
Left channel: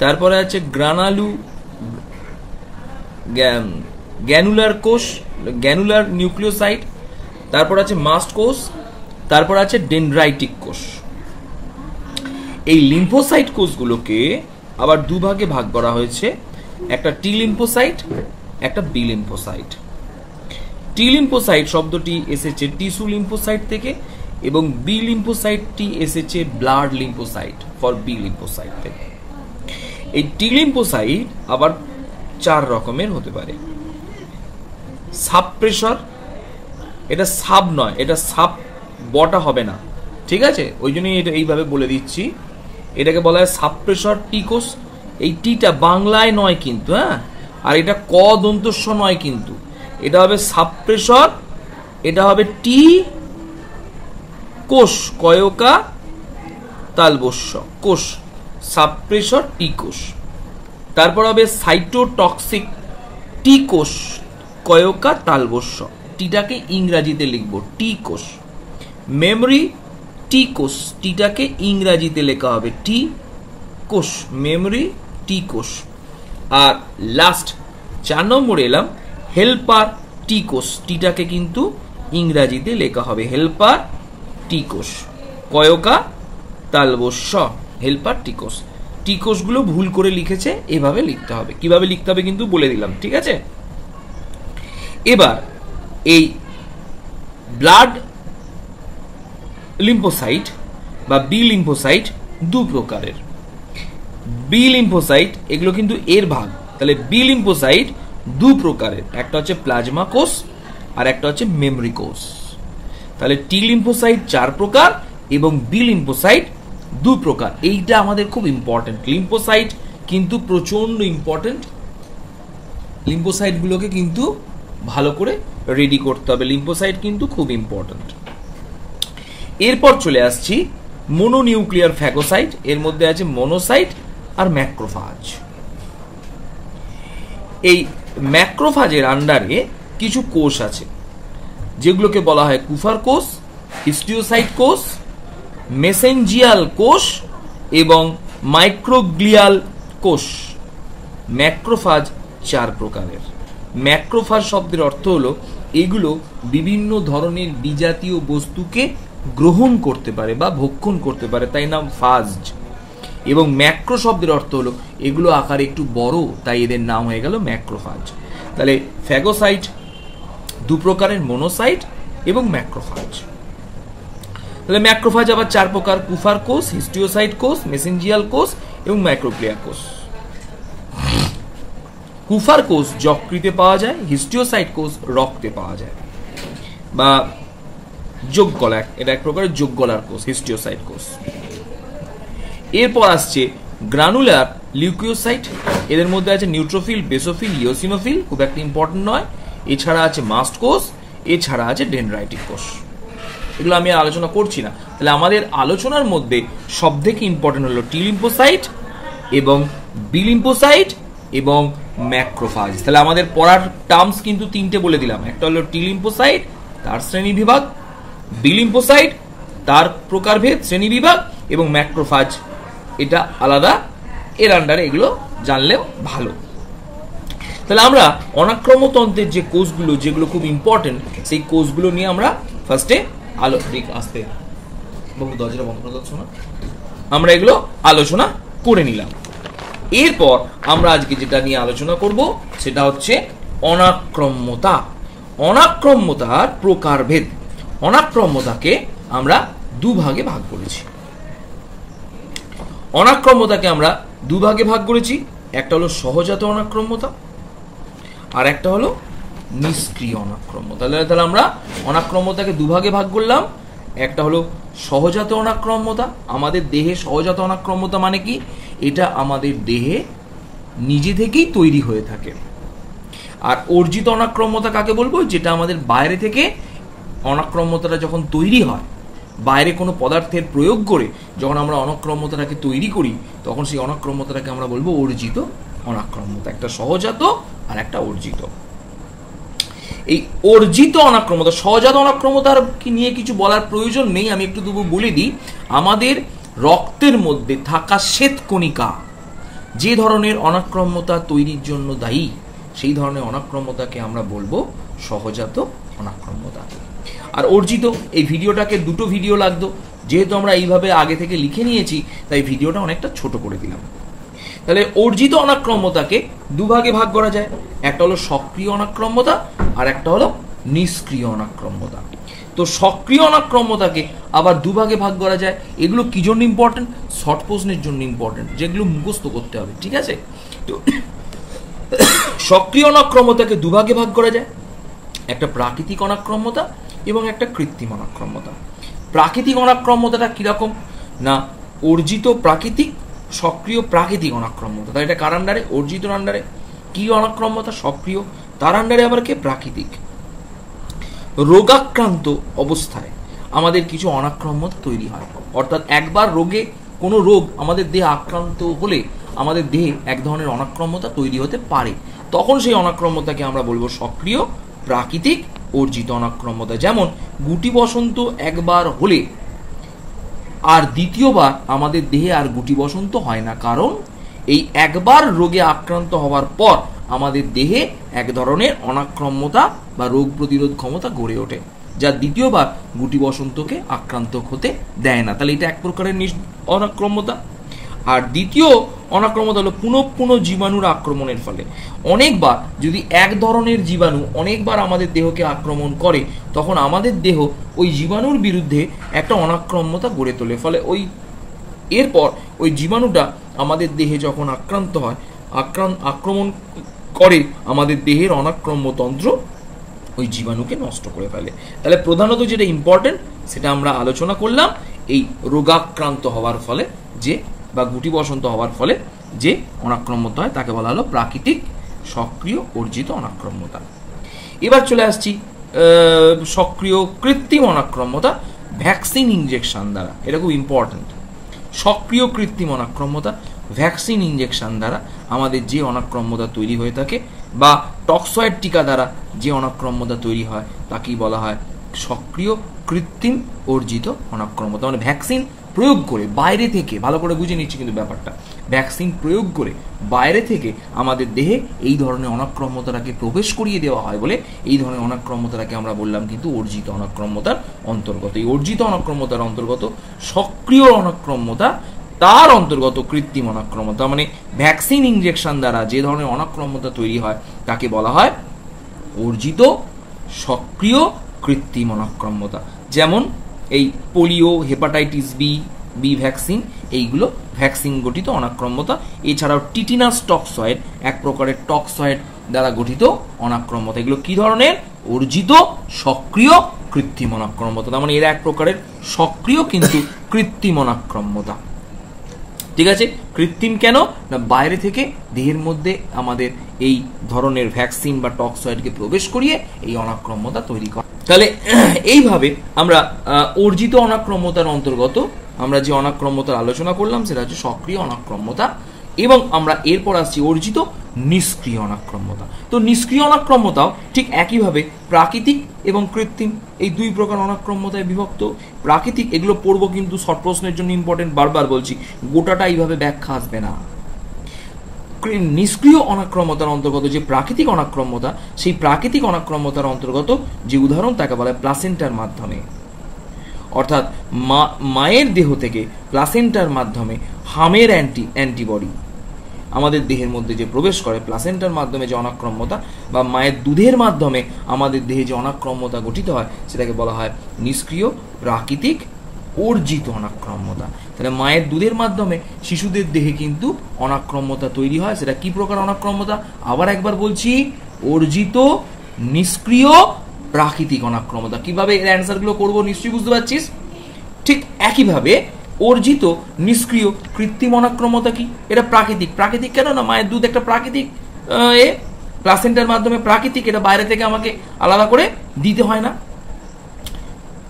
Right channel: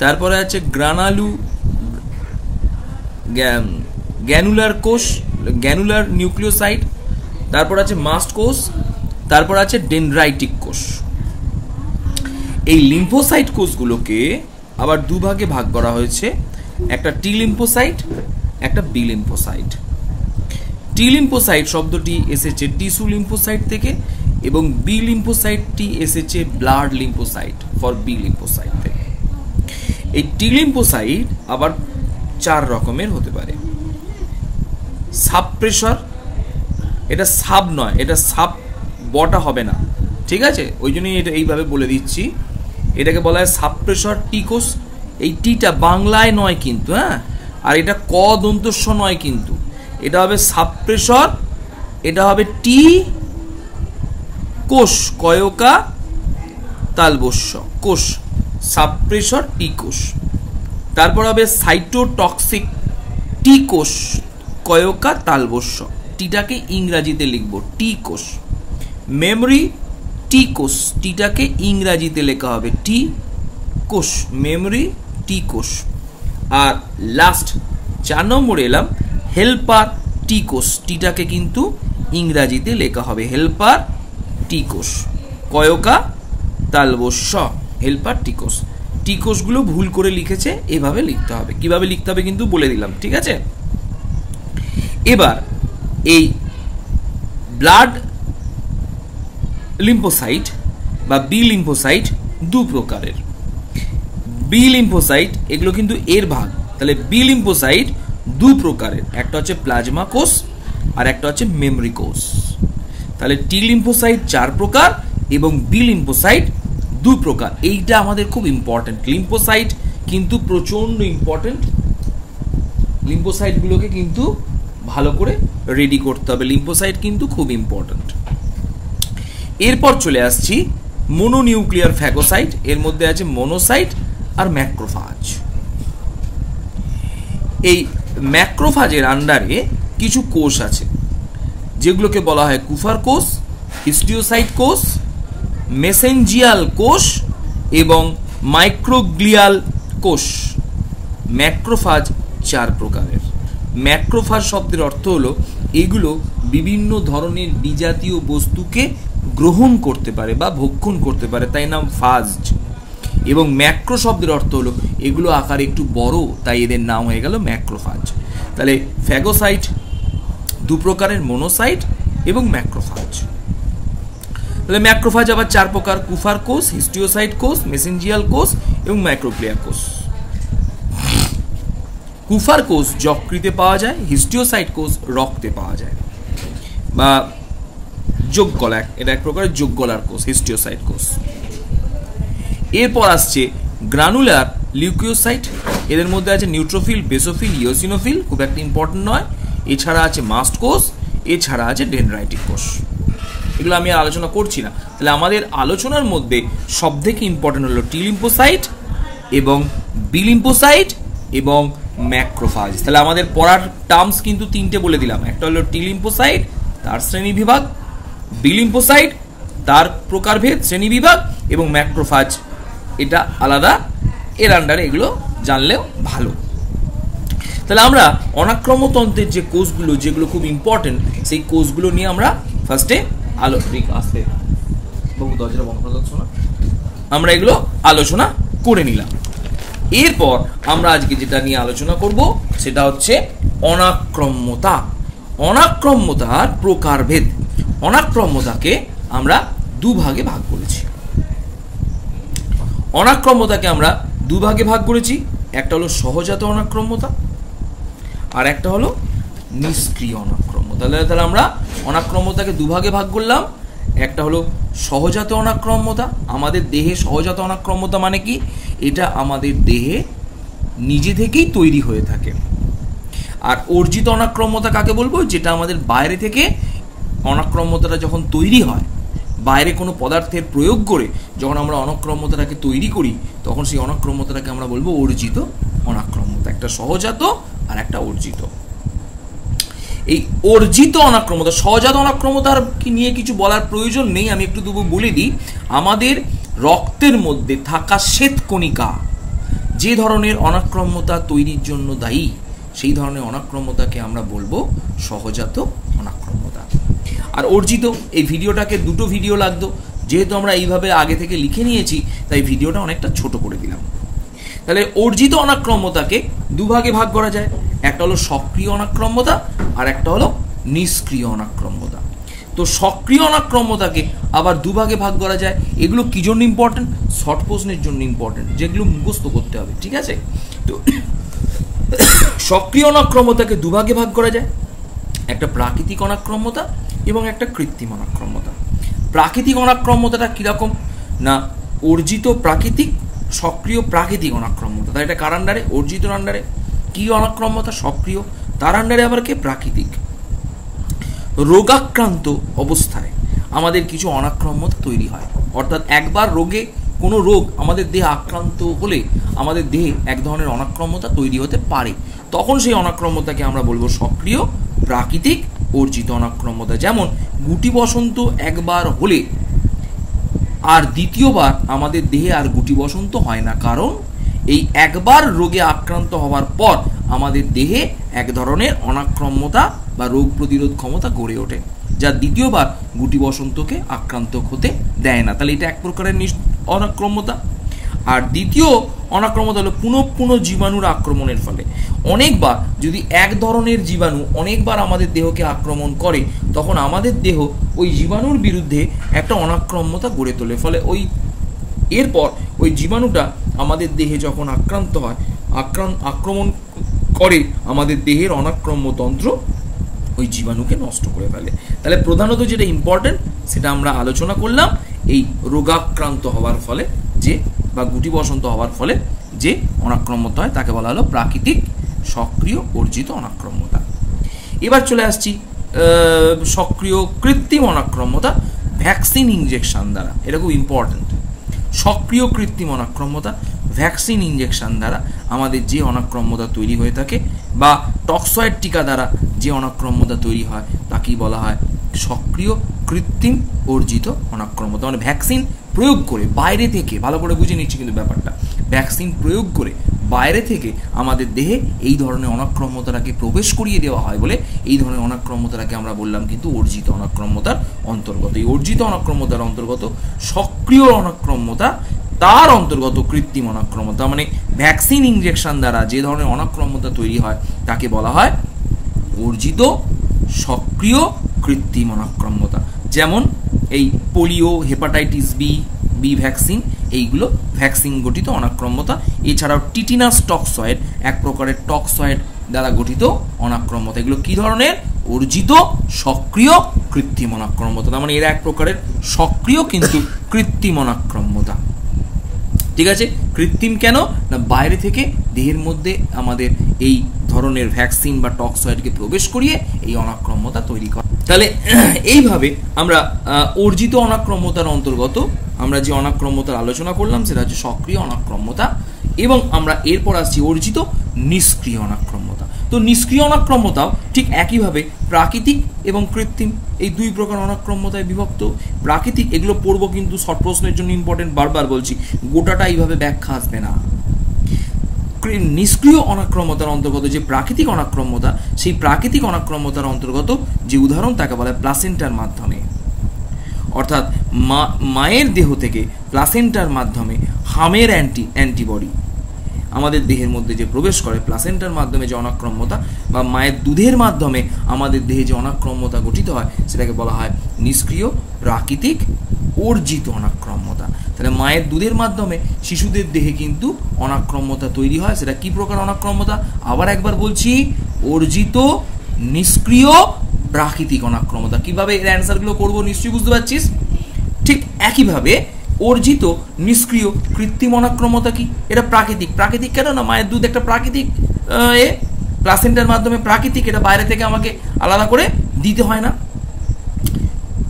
তারপরে আছে গ্যানুলার কোষ, গ্যানুলার নিউক্লিওসাইট, তারপর আছে মাস্ট কোষ, তারপর আছে ডেনড্রাইটিক কোষ। এই লিম্ফোসাইট কোষগুলোকে আবার দুভাগে ভাগ করা হয়েছে, একটা টি লিম্ফোসাইট, একটা বি লিম্ফোসাইট। টি লিম্ফোসাইট শব্দটি এসেছে টিস্যু লিম্ফোসাইট থেকে, এবং বি লিম্ফোসাইটটি এসেছে blood lymphocyte for B lymphocyte থেকে। এই টি লিম্ফোসাইট আবার 4 রকমের হতে পারে। সাব প্রেশার, এটা সাব নয়, এটা সাব বটা হবে না, ঠিক আছে, ওই জন্যই এটা এইভাবে বলে দিচ্ছি। এটাকে বলা হয় সাব প্রেশার টি কোষ। এই টিটা বাংলায় নয় কিন্তু, হ্যাঁ, আর এটা ক দন্তস্ব নয় কিন্তু, এটা হবে সাব প্রেশার, এটা হবে টি কোষ, কয়কা তালবস্য কোষ, সাব প্রেশার টি কোষ। তারপর হবে সাইটোটক্সিক টি কোষ, কয়কা তালবস্য, টিটাকে ইংরাজিতে লিখবো টি কোষ। মেমরি টি কোষ, টিটাকে ইংরাজিতে লেখা হবে টি কোষ, মেমরি টি কোষ। আর লাস্ট 4 নম্বরে এলাম হেল্পার টি কোষ, টিটাকে কিন্তু ইংরাজিতে লেখা হবে হেল্পার টি কোষ, কয়কা তালবস্য, হেল্পার টি কোষ। টি কোষগুলো ভুল করে লিখেছে, এভাবে লিখতে হবে। কিভাবে লিখতে হবে কিন্তু বলে দিলাম, ঠিক আছে। এবার এই ব্লাড লিম্ফোসাইট বা বি লিম্ফোসাইট 2 প্রকারের। বি লিম্ফোসাইট এগুলো কিন্তু এর ভাগ, তাহলে বি লিম্ফোসাইট 2 প্রকারের, একটা হচ্ছে প্লাজমা কোষ আর একটা হচ্ছে মেমরি কোষ। তাহলে টি লিম্ফোসাইট 4 প্রকার এবং বি লিম্ফোসাইট 2 প্রকার। এইটা আমাদের খুব ইম্পর্টেন্ট। লিম্ফোসাইট কিন্তু প্রচন্ড ইম্পর্টেন্ট, লিম্ফোসাইট গুলোকে কিন্তু ভালো করে রেডি করতে হবে। লিম্ফোসাইট কিন্তু খুব ইম্পর্টেন্ট। এরপর চলে আসছি মোনোনিউক্লিয়ার ফ্যাগোসাইট। এর মধ্যে আছে মোনোসাইট আর ম্যাক্রোফাজ। এই ম্যাক্রোফাজের আন্ডারে কিছু কোষ আছে, যেগুলোকে বলা হয় কুফার কোষ, হিস্টিওসাইট কোষ, মেসেঞ্জিয়াল কোষ এবং মাইক্রোগ্লিয়াল কোষ। ম্যাক্রোফাজ 4 প্রকারের। ম্যাক্রোফাজ শব্দের অর্থ হলো এগুলো বিভিন্ন ধরনের বিজাতীয় বস্তুকে গ্রহণ করতে পারে বা ভক্ষণ করতে পারে, তাই নাম ফাজ। এবং ম্যাক্রো শব্দের অর্থ হলো এগুলো আকারে একটু বড়, তাই এদের নাম হয়ে গেল ম্যাক্রোফাজ। তাহলে ফ্যাগোসাইট 2 প্রকারের, মোনোসাইট এবং ম্যাক্রোফাজ। তাহলে ম্যাক্রোফাজ আবার 4 প্রকার, কুফার কোষ, হিস্টিওসাইট কোষ, মেসেঞ্জিয়াল কোষ এবং মাইক্রোগ্লিয়া কোষ। কুফার কোষ যকৃতে পাওয়া যায়, হিস্টিওসাইট কোষ রক্তে পাওয়া যায়। বা যোগ গলা, এটা এক প্রকারের যোগ গলার কোষ, হিস্টিওসাইট কোষ। এরপর আসছে গ্রানুলার লিউকোসাইট, এদের মধ্যে আছে নিউট্রোফিল, বেসোফিল, ইওসিনোফিল, খুব একটা ইম্পর্টেন্ট নয়। এছাড়া আছে মাস্ট কোষ, এছাড়া আছে ডেনড্রাইটিক কোষ। এগুলো আমি আলোচনা করছি না। তাহলে আমাদের আলোচনার মধ্যে সব থেকে ইম্পর্টেন্ট হলো টি লিম্ফোসাইট এবং বি লিম্ফোসাইট এবং ম্যাক্রোফাজ। তাহলে আমাদের পড়ার টার্মস কিন্তু তিনটে বলে দিলাম, একটা হলো টি লিম্ফোসাইট তার শ্রেণী বিভাগ, বি লিম্ফোসাইট তার প্রকারভেদ শ্রেণী বিভাগ, এবং ম্যাক্রোফাজ এটা আলাদা, এর আন্ডারে এগুলো জানলেও ভালো। তাহলে আমরা অনাক্রম্যতন্ত্রের যে কোষগুলো যেগুলো খুব ইম্পর্টেন্ট, সেই কোষগুলো নিয়ে আমরা ফার্স্টে আমরা এগুলো আলোচনা করে নিলাম। এরপর আমরা আজকে যেটা নিয়ে আলোচনা করব সেটা হচ্ছে অনাক্রম্যতা। অনাক্রম্যতার প্রকারভেদ। অনাক্রম্যতাকে আমরা দুভাগে ভাগ করেছি। অনাক্রম্যতাকে আমরা দুভাগে ভাগ করেছি, একটা হলো সহজাত অনাক্রম্যতা আর একটা হলো নিষ্ক্রিয় অনাক্রম্যতা। তাহলে আমরা অনাক্রম্যতাকে দুভাগে ভাগ করলাম, একটা হলো সহজাত অনাক্রম্যতা। আমাদের দেহে সহজাত অনাক্রম্যতা মানে কি? এটা আমাদের দেহে নিজে থেকেই তৈরি হয়ে থাকে। আর অর্জিত অনাক্রম্যতা কাকে বলবো? যেটা আমাদের বাইরে থেকে অনাক্রম্যতাটা যখন তৈরি হয়, বাইরে কোনো পদার্থের প্রয়োগ করে যখন আমরা অনাক্রম্যতাটাকে তৈরি করি, তখন সেই অনাক্রম্যতাটাকে আমরা বলবো অর্জিত অনাক্রম্যতা। একটা সহজাত আর একটা অর্জিত। এই অর্জিত অনাক্রম্যতা, সহজাত অনাক্রম্যতার কি নিয়ে কিছু বলার প্রয়োজন নেই, আমি একটু তবু বলে দিই। আমাদের রক্তের মধ্যে থাকা শ্বেতকণিকা যে ধরনের অনাক্রম্যতা তৈরির জন্য দায়ী, সেই ধরনের অনাক্রম্যতাকে আমরা বলবো সহজাত অনাক্রম্যতা। আর অর্জিত, এই ভিডিওটাকে দুটো ভিডিও লাগতো, যেহেতু আমরা এইভাবে আগে থেকে লিখে নিয়েছি তাই ভিডিওটা অনেকটা ছোট করে দিলাম। তাহলে অর্জিত অনাক্রম্যতাকে দুভাগে ভাগ করা যায়, একটা হলো সক্রিয় অনাক্রম্যতা আর একটা হলো নিষ্ক্রিয় অনাক্রম্যতা। তো সক্রিয় অনাক্রম্যতাকে আবার দুভাগে ভাগ করা যায়। এগুলো কি জন্য ইম্পর্টেন্ট? শর্ট প্রশ্নের জন্য ইম্পর্টেন্ট, যেগুলো মুখস্থ করতে হবে, ঠিক আছে? তো সক্রিয় অনাক্রম্যতাকে দুভাগে ভাগ করা যায়, একটা প্রাকৃতিক অনাক্রম্যতা এবং একটা কৃত্রিম অনাক্রম্যতা। প্রাকৃতিক অনাক্রম্যতাটা কিরকম না, অর্জিত প্রাকৃতিক, সক্রিয় প্রাকৃতিক অনাক্রম্যতা। তাই এটা কার আন্ডারে? অর্জিত আন্ডারে। কি অনাক্রম্যতা? সক্রিয়। তার আন্ডারে আবার কে? প্রাকৃতিক। রোগাক্রান্ত অবস্থায় আমাদের কিছু অনাক্রম্যতা তৈরি হয়, অর্থাৎ একবার রোগে, কোনো রোগ আমাদের দেহে আক্রান্ত হলে আমাদের দেহে এক ধরনের অনাক্রম্যতা তৈরি হতে পারে, তখন সেই অনাক্রম্যতাকে আমরা বলবো সক্রিয়, প্রাকৃতিক, অর্জিত অনাক্রম্যতা। যেমন গুটি বসন্ত একবার হলে আর দ্বিতীয়বার আমাদের দেহে আর গুটি বসন্ত হয় না, কারণ এই একবার রোগে আক্রান্ত হওয়ার পর আমাদের দেহে এক ধরনের অনাক্রম্যতা বা রোগ প্রতিরোধ ক্ষমতা গড়ে ওঠে, যা দ্বিতীয়বার গুটি বসন্তকে আক্রান্ত হতে দেয় না। তাহলে এটা এক প্রকারের অনাক্রম্যতা। আর দ্বিতীয় অনাক্রম্যতা হলো পুনঃ জীবাণুর আক্রমণের ফলে। অনেকবার যদি এক ধরনের জীবাণু অনেকবার আমাদের দেহকে আক্রমণ করে, তখন আমাদের দেহ ওই জীবাণুর বিরুদ্ধে একটা অনাক্রম্যতা গড়ে তোলে। ফলে এরপর ওই জীবাণুটা আমাদের দেহে যখন আক্রান্ত হয়, আক্রমণ করে, আমাদের দেহের অনাক্রম্যতন্ত্র ওই জীবাণুকে নষ্ট করে ফেলে। তাহলে প্রধানত যেটা ইম্পর্টেন্ট সেটা আমরা আলোচনা করলাম, এই রোগাক্রান্ত হওয়ার ফলে যে বা গুটি বসন্ত হওয়ার ফলে যে অনাক্রম্যতা হয় তাকে বলা হলো প্রাকৃতিক, সক্রিয়, অর্জিত অনাক্রম্যতা। এবার চলে আসছি সক্রিয় কৃত্রিম অনাক্রম্যতা, ভ্যাকসিন ইনজেকশন দ্বারা। এটা খুব ইম্পর্টেন্ট। সক্রিয় কৃত্রিম অনাক্রম্যতা, ভ্যাকসিন ইনজেকশন দ্বারা আমাদের যে অনাক্রম্যতা তৈরি হয়ে থাকে, বা টক্সয়েড টিকা দ্বারা যে অনাক্রম্যতা তৈরি হয় তাকেই বলা হয় সক্রিয় কৃত্রিম অর্জিত অনাক্রম্যতা। মানে ভ্যাকসিন প্রয়োগ করে বাইরে থেকে, ভালো করে বুঝে নিচ্ছি কিন্তু ব্যাপারটা, ভ্যাকসিন প্রয়োগ করে বাইরে থেকে আমাদের দেহে এই ধরনের অনাক্রম্যতাটাকে প্রবেশ করিয়ে দেওয়া হয় বলে এই ধরনের অনাক্রম্যতাটাকে আমরা বললাম কিন্তু অর্জিত অনাক্রম্যতার অন্তর্গত। এই অর্জিত অনাক্রম্যতার অন্তর্গত সক্রিয় অনাক্রম্যতা, তার অন্তর্গত কৃত্রিম অনাক্রম্যতা। মানে ভ্যাকসিন ইনজেকশন দ্বারা যে ধরনের অনাক্রম্যতা তৈরি হয় তাকে বলা হয় অর্জিত সক্রিয় কৃত্রিম অনাক্রম্যতা। যেমন এই পোলিও, হেপাটাইটিস বি ভ্যাকসিন, এইগুলো ভ্যাকসিন গঠিত অনাক্রম্যতা। এছাড়াও টিটিনাস টক্সয়েড, এক প্রকারের টক্সয়েড দ্বারা গঠিত অনাক্রম্যতা। এগুলো কি ধরনের? অর্জিত সক্রিয় কৃত্রিম অনাক্রম্যতা। তার মানে এরা এক প্রকারের সক্রিয় কিন্তু কৃত্রিম অনাক্রম্যতা। ঠিক আছে, কৃত্রিম কেন না বাইরে থেকে দেহের মধ্যে আমাদের এই ধরনের ভ্যাকসিন বা টক্সয়েডকে প্রবেশ করিয়ে এই অনাক্রম্যতা তৈরি করে। তাহলে এইভাবে আমরা অর্জিত অনাক্রম্যতার অন্তর্গত আমরা যে অনাক্রম্যতার আলোচনা করলাম সেটা হচ্ছে সক্রিয় অনাক্রম্যতা, এবং আমরা এরপর আসছি অর্জিত নিষ্ক্রিয় অনাক্রম্যতা। তো নিষ্ক্রিয় অনাক্রম্যতাও ঠিক একইভাবে প্রাকৃতিক এবং কৃত্রিম এই দুই প্রকার অনাক্রম্যতায় বিভক্ত। প্রাকৃতিক এগুলো পড়বো কিন্তু শর্ট প্রশ্নের জন্য ইম্পর্টেন্ট, বারবার বলছি গোটাটা এইভাবে ব্যাখ্যা আসবে না। নিষ্ক্রিয় অনাক্রম্যতার অন্তর্গত যে প্রাকৃতিক অনাক্রম্যতা, সেই প্রাকৃতিক অনাক্রম্যতার অন্তর্গত যে উদাহরণ তাকে বলা হয় প্লাসেন্টার মাধ্যমে, অর্থাৎ মায়ের দেহ থেকে প্লাসেন্টার মাধ্যমে হামের অ্যান্টিবডি আমাদের দেহের মধ্যে যে প্রবেশ করে, প্লাসেন্টার মাধ্যমে যে অনাক্রম্যতা বা মায়ের দুধের মাধ্যমে আমাদের দেহে যে অনাক্রম্যতা গঠিত হয় সেটাকে বলা হয় নিষ্ক্রিয় প্রাকৃতিক অর্জিত অনাক্রম্যতা। তাহলে মায়ের দুধের মাধ্যমে শিশুদের দেহে কিন্তু অনাক্রম্যতা তৈরি হয়, সেটা কি প্রকার অনাক্রম্যতা? আবার একবার বলছি, অর্জিত নিষ্ক্রিয় প্রাকৃতিক অনাক্রম্যতা। কিভাবে এর অ্যান্সারগুলো করবো নিশ্চয়ই বুঝতে পারছিস। ঠিক একইভাবে অর্জিত নিষ্ক্রিয় কৃত্রিম অনাক্রম্যতা কি? এটা প্রাকৃতিক। প্রাকৃতিক কেন না মায়ের দুধ একটা প্রাকৃতিক প্লাসেন্টার মাধ্যমে প্রাকৃতিক, এটা বাইরে থেকে আমাকে আলাদা করে দিতে হয় না।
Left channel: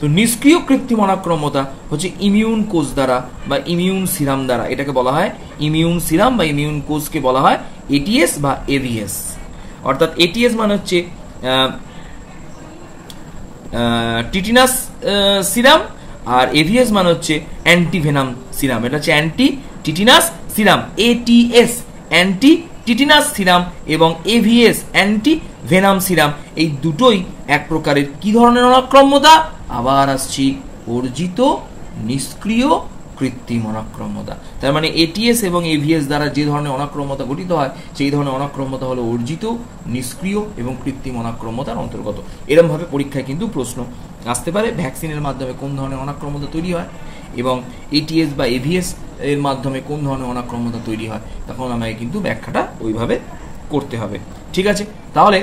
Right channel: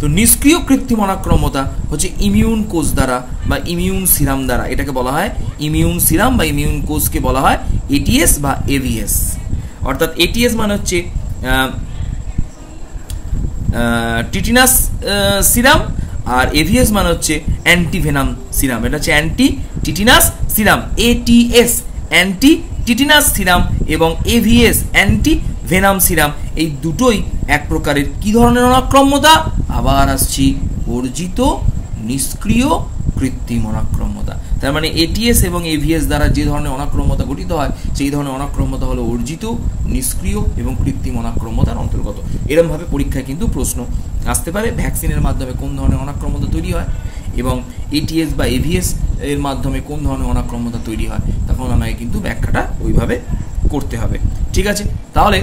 তো নিষ্ক্রিয় কৃত্রিম অনাক্রম্যতা হচ্ছে ইমিউন কোষ দ্বারা বা ইমিউন সিরাম দ্বারা, এটাকে বলা হয় ইমিউন সিরাম বা ইমিউন কোষকে বলা হয় এটিএস বা এভিএস। অর্থাৎ এটিএস মানে হচ্ছে টিটিনাস সিরাম, আর এভিএস মানে হচ্ছে অ্যান্টিভেনাম সিরাম। এটা হচ্ছে anti tetanus serum. ATS anti tetanus serum এবং এভিএস অ্যান্টি ভেনাম সিরাম, এই দুটোই এক প্রকারের কি ধরনের অনাক্রম্যতা? আবার আসছি, অর্জিত নিষ্ক্রিয় কৃত্রিম অনাক্রম্যতা। তার মানে এটিএস এবং এভিএস দ্বারা যে ধরনের অনাক্রম্যতা গঠিত হয় সেই ধরনের অনাক্রম্যতা হলো অর্জিত নিষ্ক্রিয় এবং কৃত্রিম অনাক্রম্যতার অন্তর্গত। এরকম ভাবে পরীক্ষায় কিন্তু প্রশ্ন আসতে পারে, ভ্যাকসিনের মাধ্যমে কোন ধরনের অনাক্রম্যতা তৈরি হয় এবং এটিএস বা এভিএস এর মাধ্যমে কোন ধরনের অনাক্রম্যতা তৈরি হয়, তখন আমাকে কিন্তু ব্যাখ্যাটা ওইভাবে করতে হবে। ঠিক আছে, তাহলে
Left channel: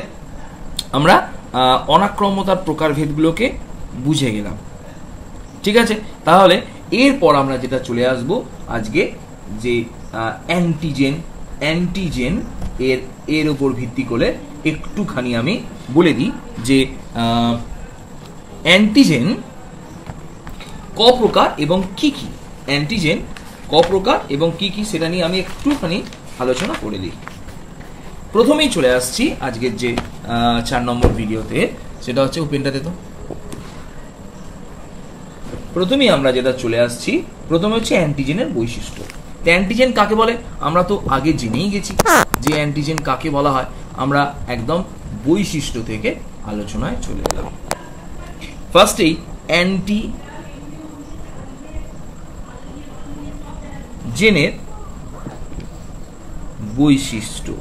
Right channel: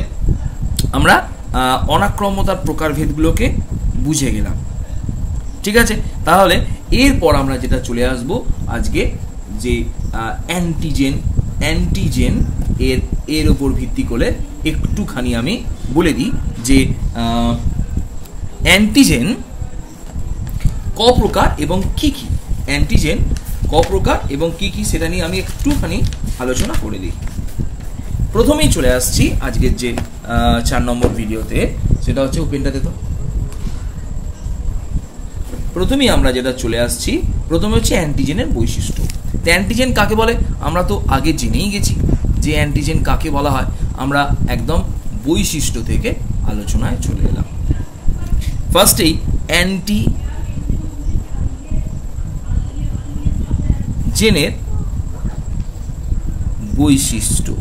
আমরা অনাক্রম্যতার প্রকারভেদগুলোকে বুঝে গেলাম। ঠিক আছে, তাহলে এরপর আমরা যেটা চলে আসবো আজকে যে অ্যান্টিজেন এর উপর ভিত্তি করে একটুখানি আমি বলে দিই যে অ্যান্টিজেন ক প্রকার এবং কি কি, অ্যান্টিজেন ক প্রকার এবং কি কি সেটা নিয়ে আমি একটুখানি আলোচনা করে দিই। প্রথমেই চলে আসছি আজকের যে 4 নম্বর ভিডিওতে, সেটা হচ্ছে ওপেনটাতে। তো প্রথমেই আমরা যেটা চলে আসছি, প্রথমে হচ্ছে অ্যান্টিজেনের বৈশিষ্ট্য। অ্যান্টিজেন কাকে বলে আমরা তো আগে জেনেই গেছি যে অ্যান্টিজেন কাকে বলা হয়। আমরা একদম বৈশিষ্ট্য থেকে আলোচনায় চলে এলাম। ফার্স্টেই অ্যান্টিজেনের বৈশিষ্ট্য।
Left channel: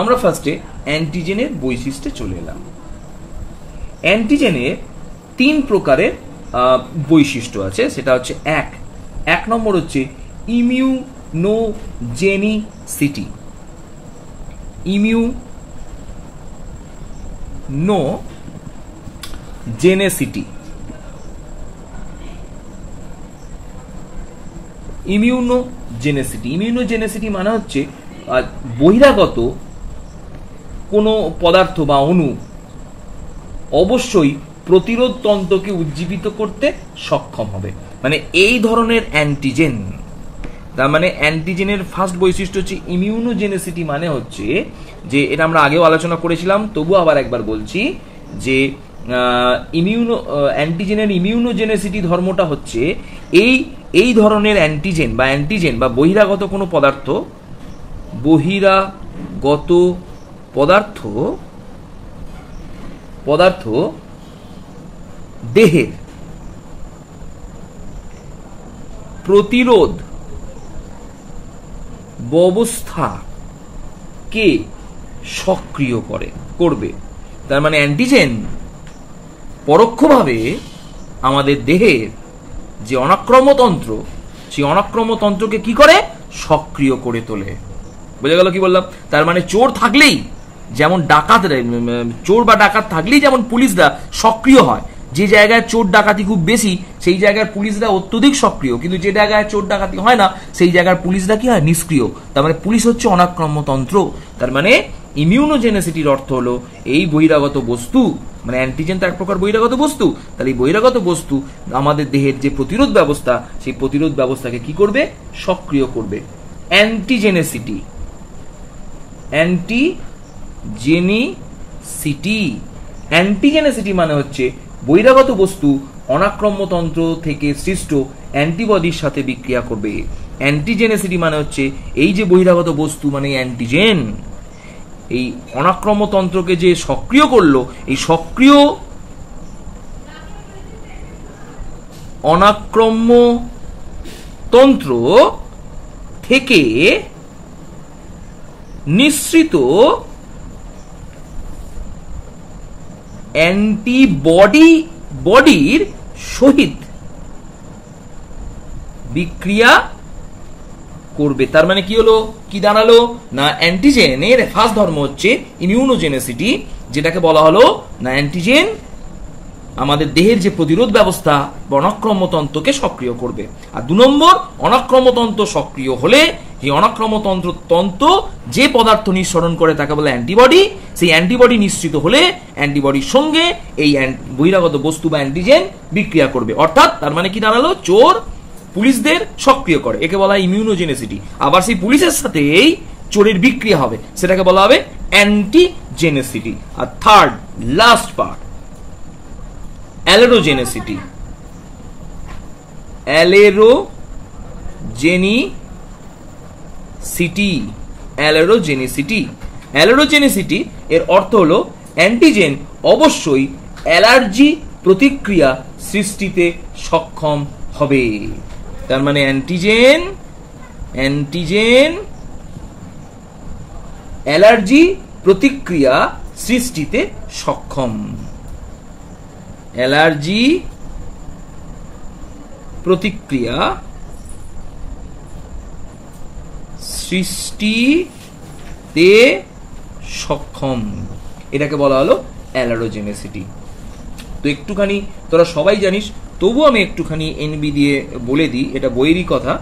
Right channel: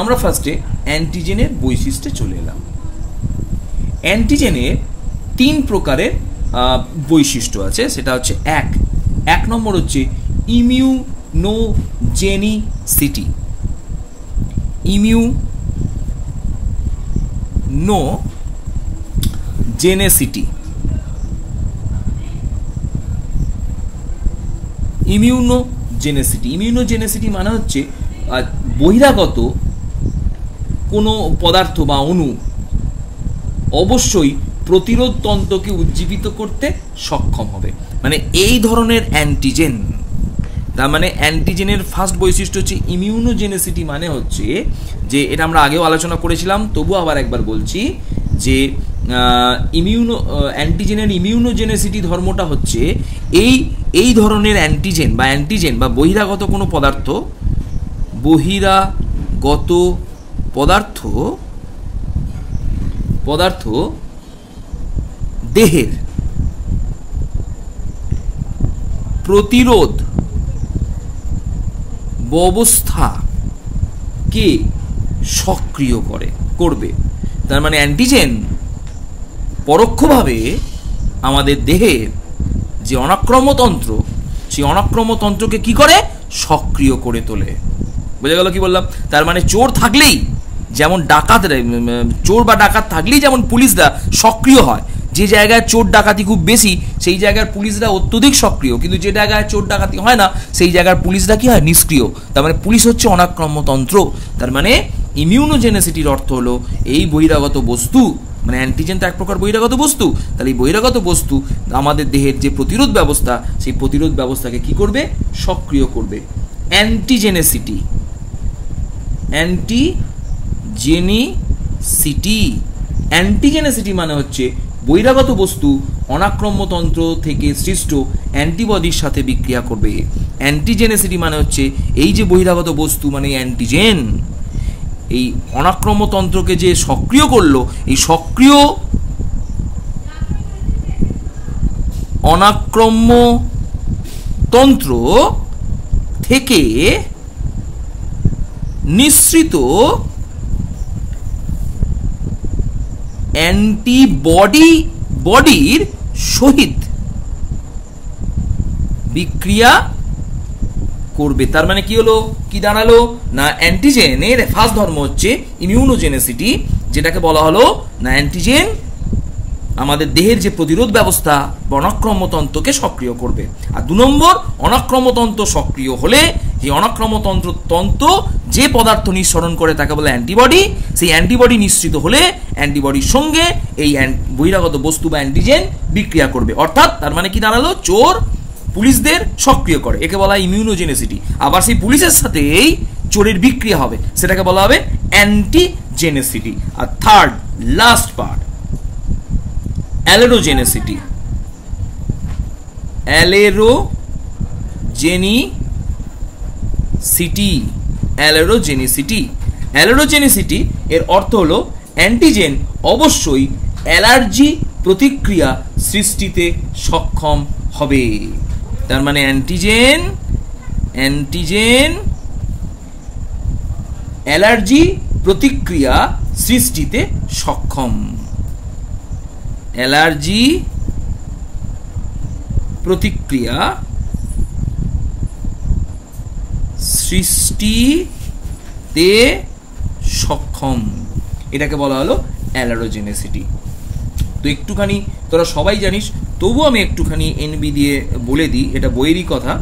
আমরা ফার্স্টে অ্যান্টিজেনের বৈশিষ্ট্যে চলে এলাম। অ্যান্টিজেনের 3 প্রকারের বৈশিষ্ট্য আছে। সেটা হচ্ছে এক নম্বর হচ্ছে ইমিউনোজেনিসিটি। ইমিউনোজেনিসিটি মানে হচ্ছে বহিরাগত কোনো পদার্থ বা অণু অবশ্যই প্রতিরোধ তন্ত্রকে উজ্জীবিত করতে সক্ষম হবে, মানে এই ধরনের অ্যান্টিজেন। তার মানে অ্যান্টিজেনের ফার্স্ট বৈশিষ্ট্য হচ্ছে ইমিউনোজেনিসিটি, মানে হচ্ছে যে এটা আমরা আগেও আলোচনা করেছিলাম, তবু আবার একবার বলছি যে অ্যান্টিজেনের ইমিউনোজেনিসিটি ধর্মটা হচ্ছে এই ধরনের অ্যান্টিজেন বা বহিরাগত কোনো পদার্থ দেহের প্রতিরোধ ব্যবস্থাকে সক্রিয় করবে। তার মানে অ্যান্টিজেন পরোক্ষভাবে আমাদের দেহের যে অনাক্রম্যতন্ত্র, সেই অনাক্রম্যতন্ত্রকে কি করে? সক্রিয় করে তোলে। বোঝা গেল কি বললাম? তার মানে চোর থাকলেই যেমন ডাকাত, চোর বা ডাকাত থাকলেই যেমন পুলিশরা সক্রিয় হয়, যে জায়গায় চোর ডাকাতি খুব বেশি সেই জায়গার পুলিশরা অত্যধিক সক্রিয়, কিন্তু যে জায়গায় চোর ডাকাতি হয় না সেই জায়গার পুলিশরা কি হয়, নিষ্ক্রিয়। তার মানে পুলিশ হচ্ছে অনাক্রম্যতন্ত্র। তার মানে ইমিউনোজেনেসিটির অর্থ হলো এই বহিরাগত বস্তু, মানে অ্যান্টিজেন তো এক প্রকার বহিরাগত বস্তু, তাহলে এই বহিরাগত বস্তু আমাদের দেহের যে প্রতিরোধ ব্যবস্থা সেই প্রতিরোধ ব্যবস্থাকে কি করবে, সক্রিয় করবে। অ্যান্টিজেনেসিটি, অ্যান্টিজেনেসিটি মানে হচ্ছে বহিরাগত বস্তু অনাক্রম্যতন্ত্র থেকে সৃষ্ট অ্যান্টিবডির সাথে বিক্রিয়া করবে। অ্যান্টিজেনেসিটি মানে হচ্ছে এই যে বহিরাগত বস্তু মানে অ্যান্টিজেন এই অনাক্রম্যতন্ত্রকে যে সক্রিয় করলো, এই সক্রিয় অনাক্রম্যতন্ত্র থেকে নিঃসৃত বডির সহিত বিক্রিয়া করবে। তার মানে কি হলো, কি দাঁড়ালো না অ্যান্টিজেনের ফার্স্ট ধর্ম হচ্ছে ইমিউনোজেনেসিটি, যেটাকে বলা হলো না অ্যান্টিজেন আমাদের দেহের যে প্রতিরোধ ব্যবস্থা অনাক্রম্যতন্ত্রকে সক্রিয় করবে। আর 2 নম্বর, অনাক্রম্যতন্ত্র সক্রিয় হলে এই অনাক্রম্যতন্ত্র যে পদার্থ নিঃসরণ করে তাকে বলে অ্যান্টিবডি, সেই অ্যান্টিবডি নিঃসৃত হলে অ্যান্টিবডির সঙ্গে এই বহিরাগত বস্তু বা অ্যান্টিজেন বিক্রিয়া করবে। অর্থাৎ তার মানে কি দাঁড়ালো, চোর পুলিশদের সক্রিয় করে, একে বলা হয় ইমিউনোজেনেসিটি। আবার সেই পুলিশের সাথে এই চোরের বিক্রিয়া হবে, সেটাকে বলা হবে অ্যান্টিজেনেসিটি। আর থার্ড লাস্ট পার্ট অ্যালেরোজেনেসিটি। অ্যালেরোজেনেসিটি এর অর্থ হলো অ্যান্টিজেন অবশ্যই অ্যালার্জি প্রতিক্রিয়া সৃষ্টিতে সক্ষম হবে। তার মানে অ্যান্টিজেন অ্যালার্জি প্রতিক্রিয়া সৃষ্টিতে সক্ষম। অ্যালার্জি প্রতিক্রিয়া সৃষ্টিতে সক্ষম, এটাকে বলা হলো অ্যালারোজেনেসিটি। তো একটুখানি তোরা সবাই জানিস, তবু আমি একটুখানি এনবি দিয়ে বলে দিই, এটা বইয়েরই কথা,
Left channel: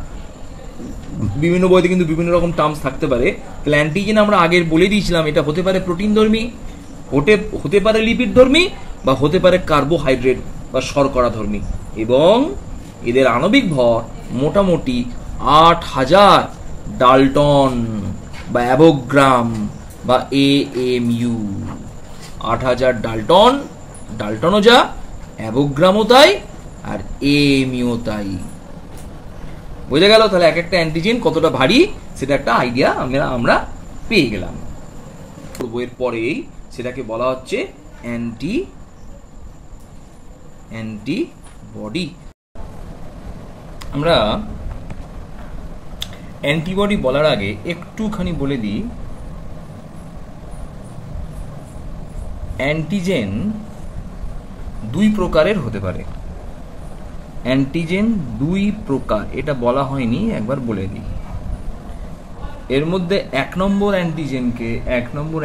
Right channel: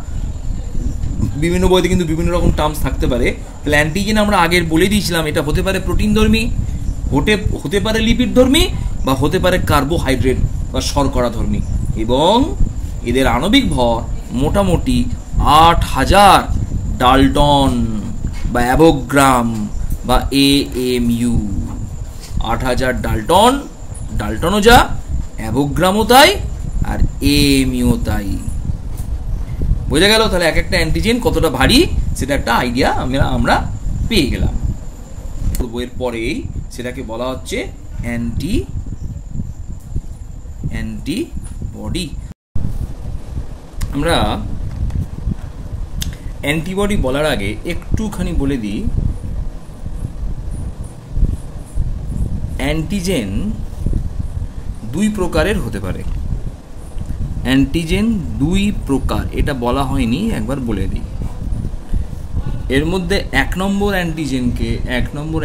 বিভিন্ন বইতে কিন্তু বিভিন্ন রকম টার্মস থাকতে পারে। তাহলে অ্যান্টিজেন আমরা আগের বলে দিয়েছিলাম, এটা হতে পারে প্রোটিন ধর্মী, হতে পারে লিপিড ধর্মী, বা হতে পারে কার্বোহাইড্রেট বা শর্করা ধর্মী, এবং এদের আণবিক ভর মোটামুটি 8000 ডাল্টন বা অ্যাভোগ্রাম বা AMU। 8000 ডাল্টনও যা, অ্যাভোগ্রামও তাই, আর AMU তাই। বোঝা গেল? তাহলে এক একটা অ্যান্টিজেন কতটা ভারী সেটা একটা আইডিয়া আমরা পেয়ে গেলাম। বইয়ের পরেই সেটাকে বলা হচ্ছে অ্যান্টিবডি। আমরা অ্যান্টিবডি বলার আগে একটুখানি বলে দিই, অ্যান্টিজেন 2 প্রকারের হতে পারে। অ্যান্টিজেন 2 প্রকার, এটা বলা হয়নি, একবার বলে দিই। এর মধ্যে 1 নম্বর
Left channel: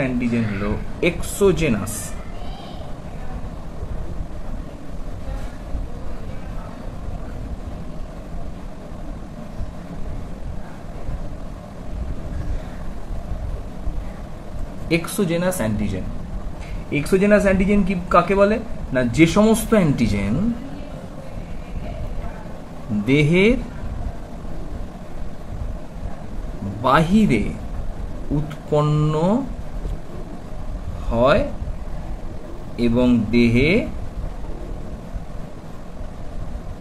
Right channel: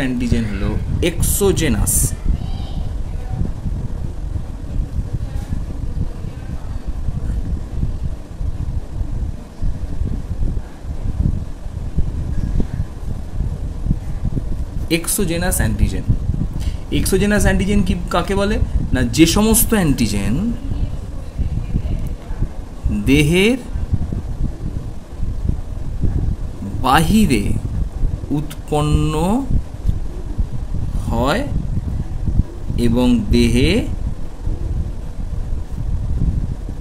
অ্যান্টিজেন হলো এক্সোজেনাস। এক্সোজেনাস অ্যান্টিজেন কি কাকে বলে না, যে সমস্ত অ্যান্টিজেন দেহের বাহিরে উৎপন্ন হয় এবং দেহে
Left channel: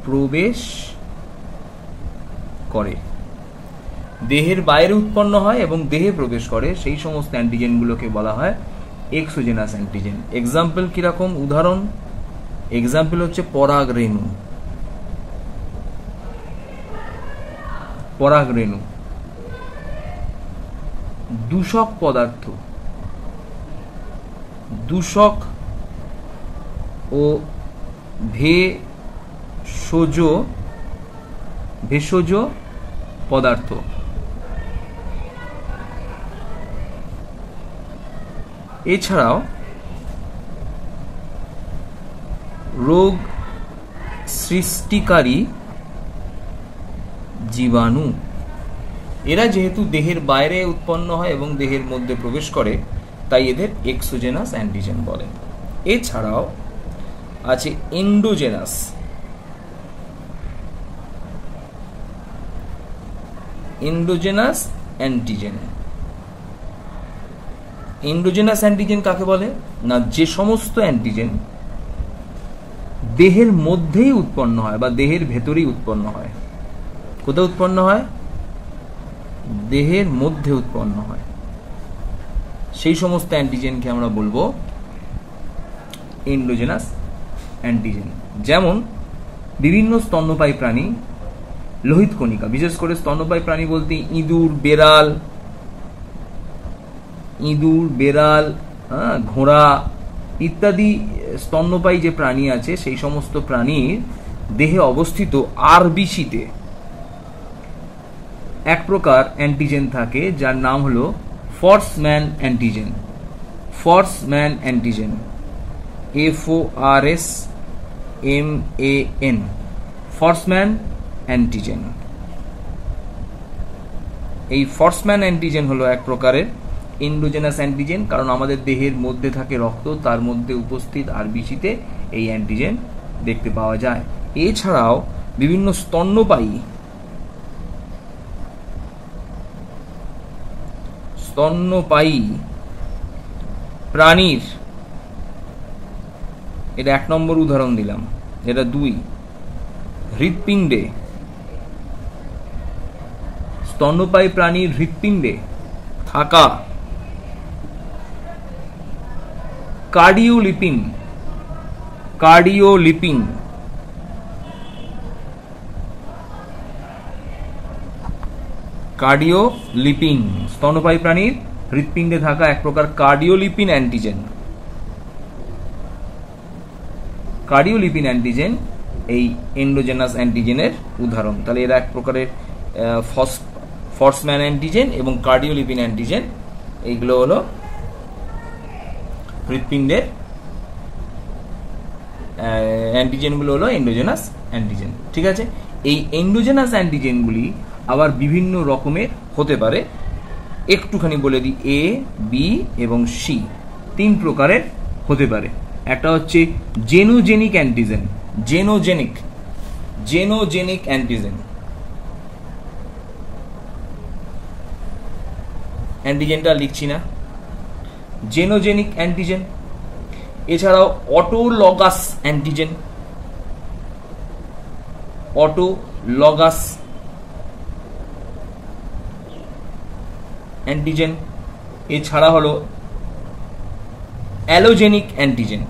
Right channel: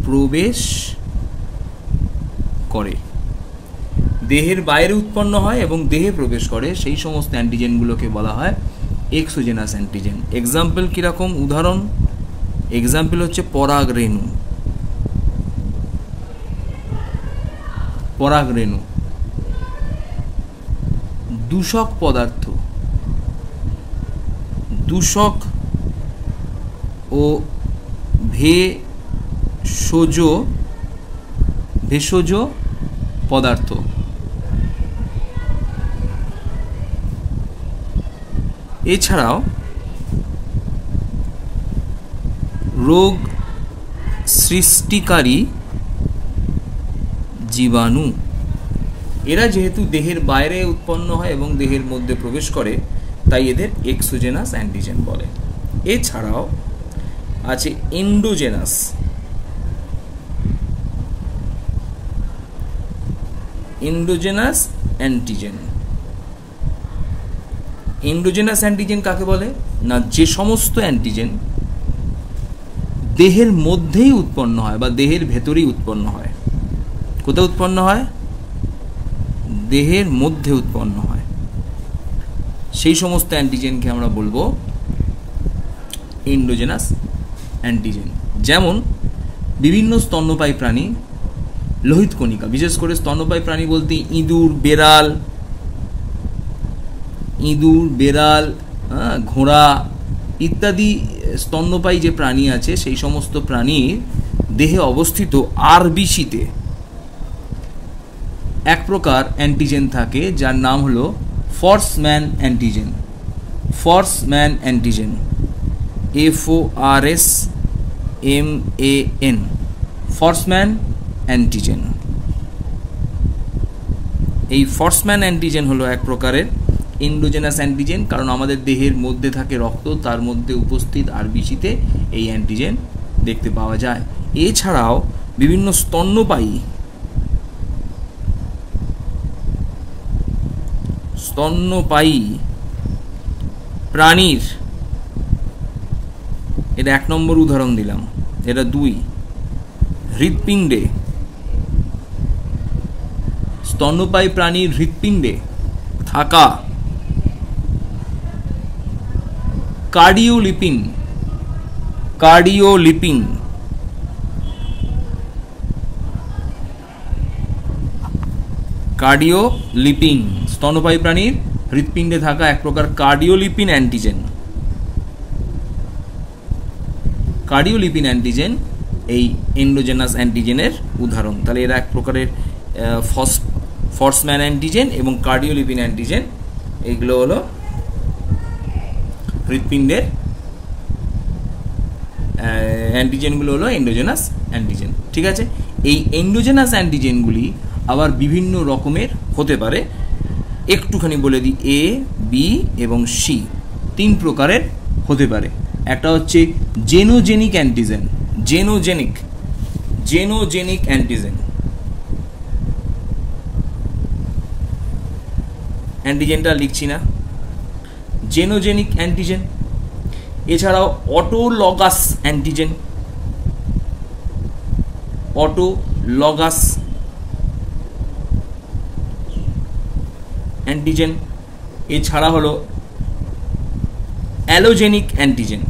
প্রবেশ করে, দেহের বাইরে উৎপন্ন হয় এবং দেহে প্রবেশ করে, সেই সমস্ত অ্যান্টিজেনগুলোকে বলা হয় এক্সোজেনাস অ্যান্টিজেন। এক্সাম্পল কিরকম, উদাহরণ, এক্সাম্পল হচ্ছে পরাগরেণু, দূষক পদার্থ, দূষক ও ভেষজ পদার্থ। এছাড়াও রোগ সৃষ্টিকারী জীবাণু, এরা যেহেতু দেহের বাইরে উৎপন্ন হয় এবং দেহের মধ্যে প্রবেশ করে, তাই এদের এক্সোজেনাস অ্যান্টিজেন বলে। এছাড়াও আছে এন্ডোজেনাস অ্যান্টিজেন। এন্ডোজেনাস অ্যান্টিজেন কাকে বলে না, যে সমস্ত অ্যান্টিজেন দেহের মধ্যেই উৎপন্ন হয় বা দেহের ভেতরেই উৎপন্ন হয়। কোথায় উৎপন্ন হয়? দেহের মধ্যে উৎপন্ন হয়। সেই সমস্ত অ্যান্টিজেনকে আমরা বলবো এন্ডোজেনাস অ্যান্টিজেন। যেমন বিভিন্ন স্তন্যপায়ী প্রাণী, লোহিত কণিকা, বিশেষ করে স্তন্যপায়ী প্রাণী বলতে ইঁদুর, বেড়াল, ঘোড়া ইত্যাদি স্তন্যপায়ী যে প্রাণী আছে, সেই সমস্ত প্রাণীর দেহে অবস্থিত আরবিসিতে এক প্রকার অ্যান্টিজেন থাকে যার নাম হলো Forssman antigen. FORSMAN, Forssman antigen. এই ফর্সম্যান অ্যান্টিজেন হলো এক প্রকারের এন্ডোজেনাস অ্যান্টিজেন, কারণ আমাদের দেহের মধ্যে থাকে রক্ত, তার মধ্যে উপস্থিত আরবিসিতে এই অ্যান্টিজেন দেখতে পাওয়া যায়। এছাড়াও বিভিন্ন স্তন্যপায়ী প্রাণীর, এটা 1 নম্বর উদাহরণ দিলাম, এটা 2, হৃৎপিণ্ডে, স্তন্যপায়ী প্রাণীর হৃৎপিণ্ডে থাকা কার্ডিওলিপিন, স্তন্যপায়ী প্রাণীর হৃৎপিণ্ডে থাকা এক প্রকার কার্ডিওলিপিন অ্যান্টিজেন এই এন্ডোজেনাস অ্যান্টিজেনের উদাহরণ। তাহলে এরা এক প্রকারের ফর্সম্যান অ্যান্টিজেন এবং কার্ডিওলিপিন অ্যান্টিজেন, এইগুলো হলো হৃৎপিণ্ডের অ্যান্টিজেনগুলো হলো এন্ডোজেনাস অ্যান্টিজেন। ঠিক আছে, এই এন্ডোজেনাস অ্যান্টিজেনগুলি আবার বিভিন্ন রকমের হতে পারে। একটুখানি বলে দিই, A, B এবং C 3 প্রকারের হতে পারে। একটা হচ্ছে জেনোজেনিক অ্যান্টিজেন। অ্যান্টিজেনটা লিখছি না, জেনোজেনিক অ্যান্টিজেন। এছাড়াও অটোলগাস অ্যান্টিজেন, এছাড়া হলো অ্যালোজেনিক অ্যান্টিজেন।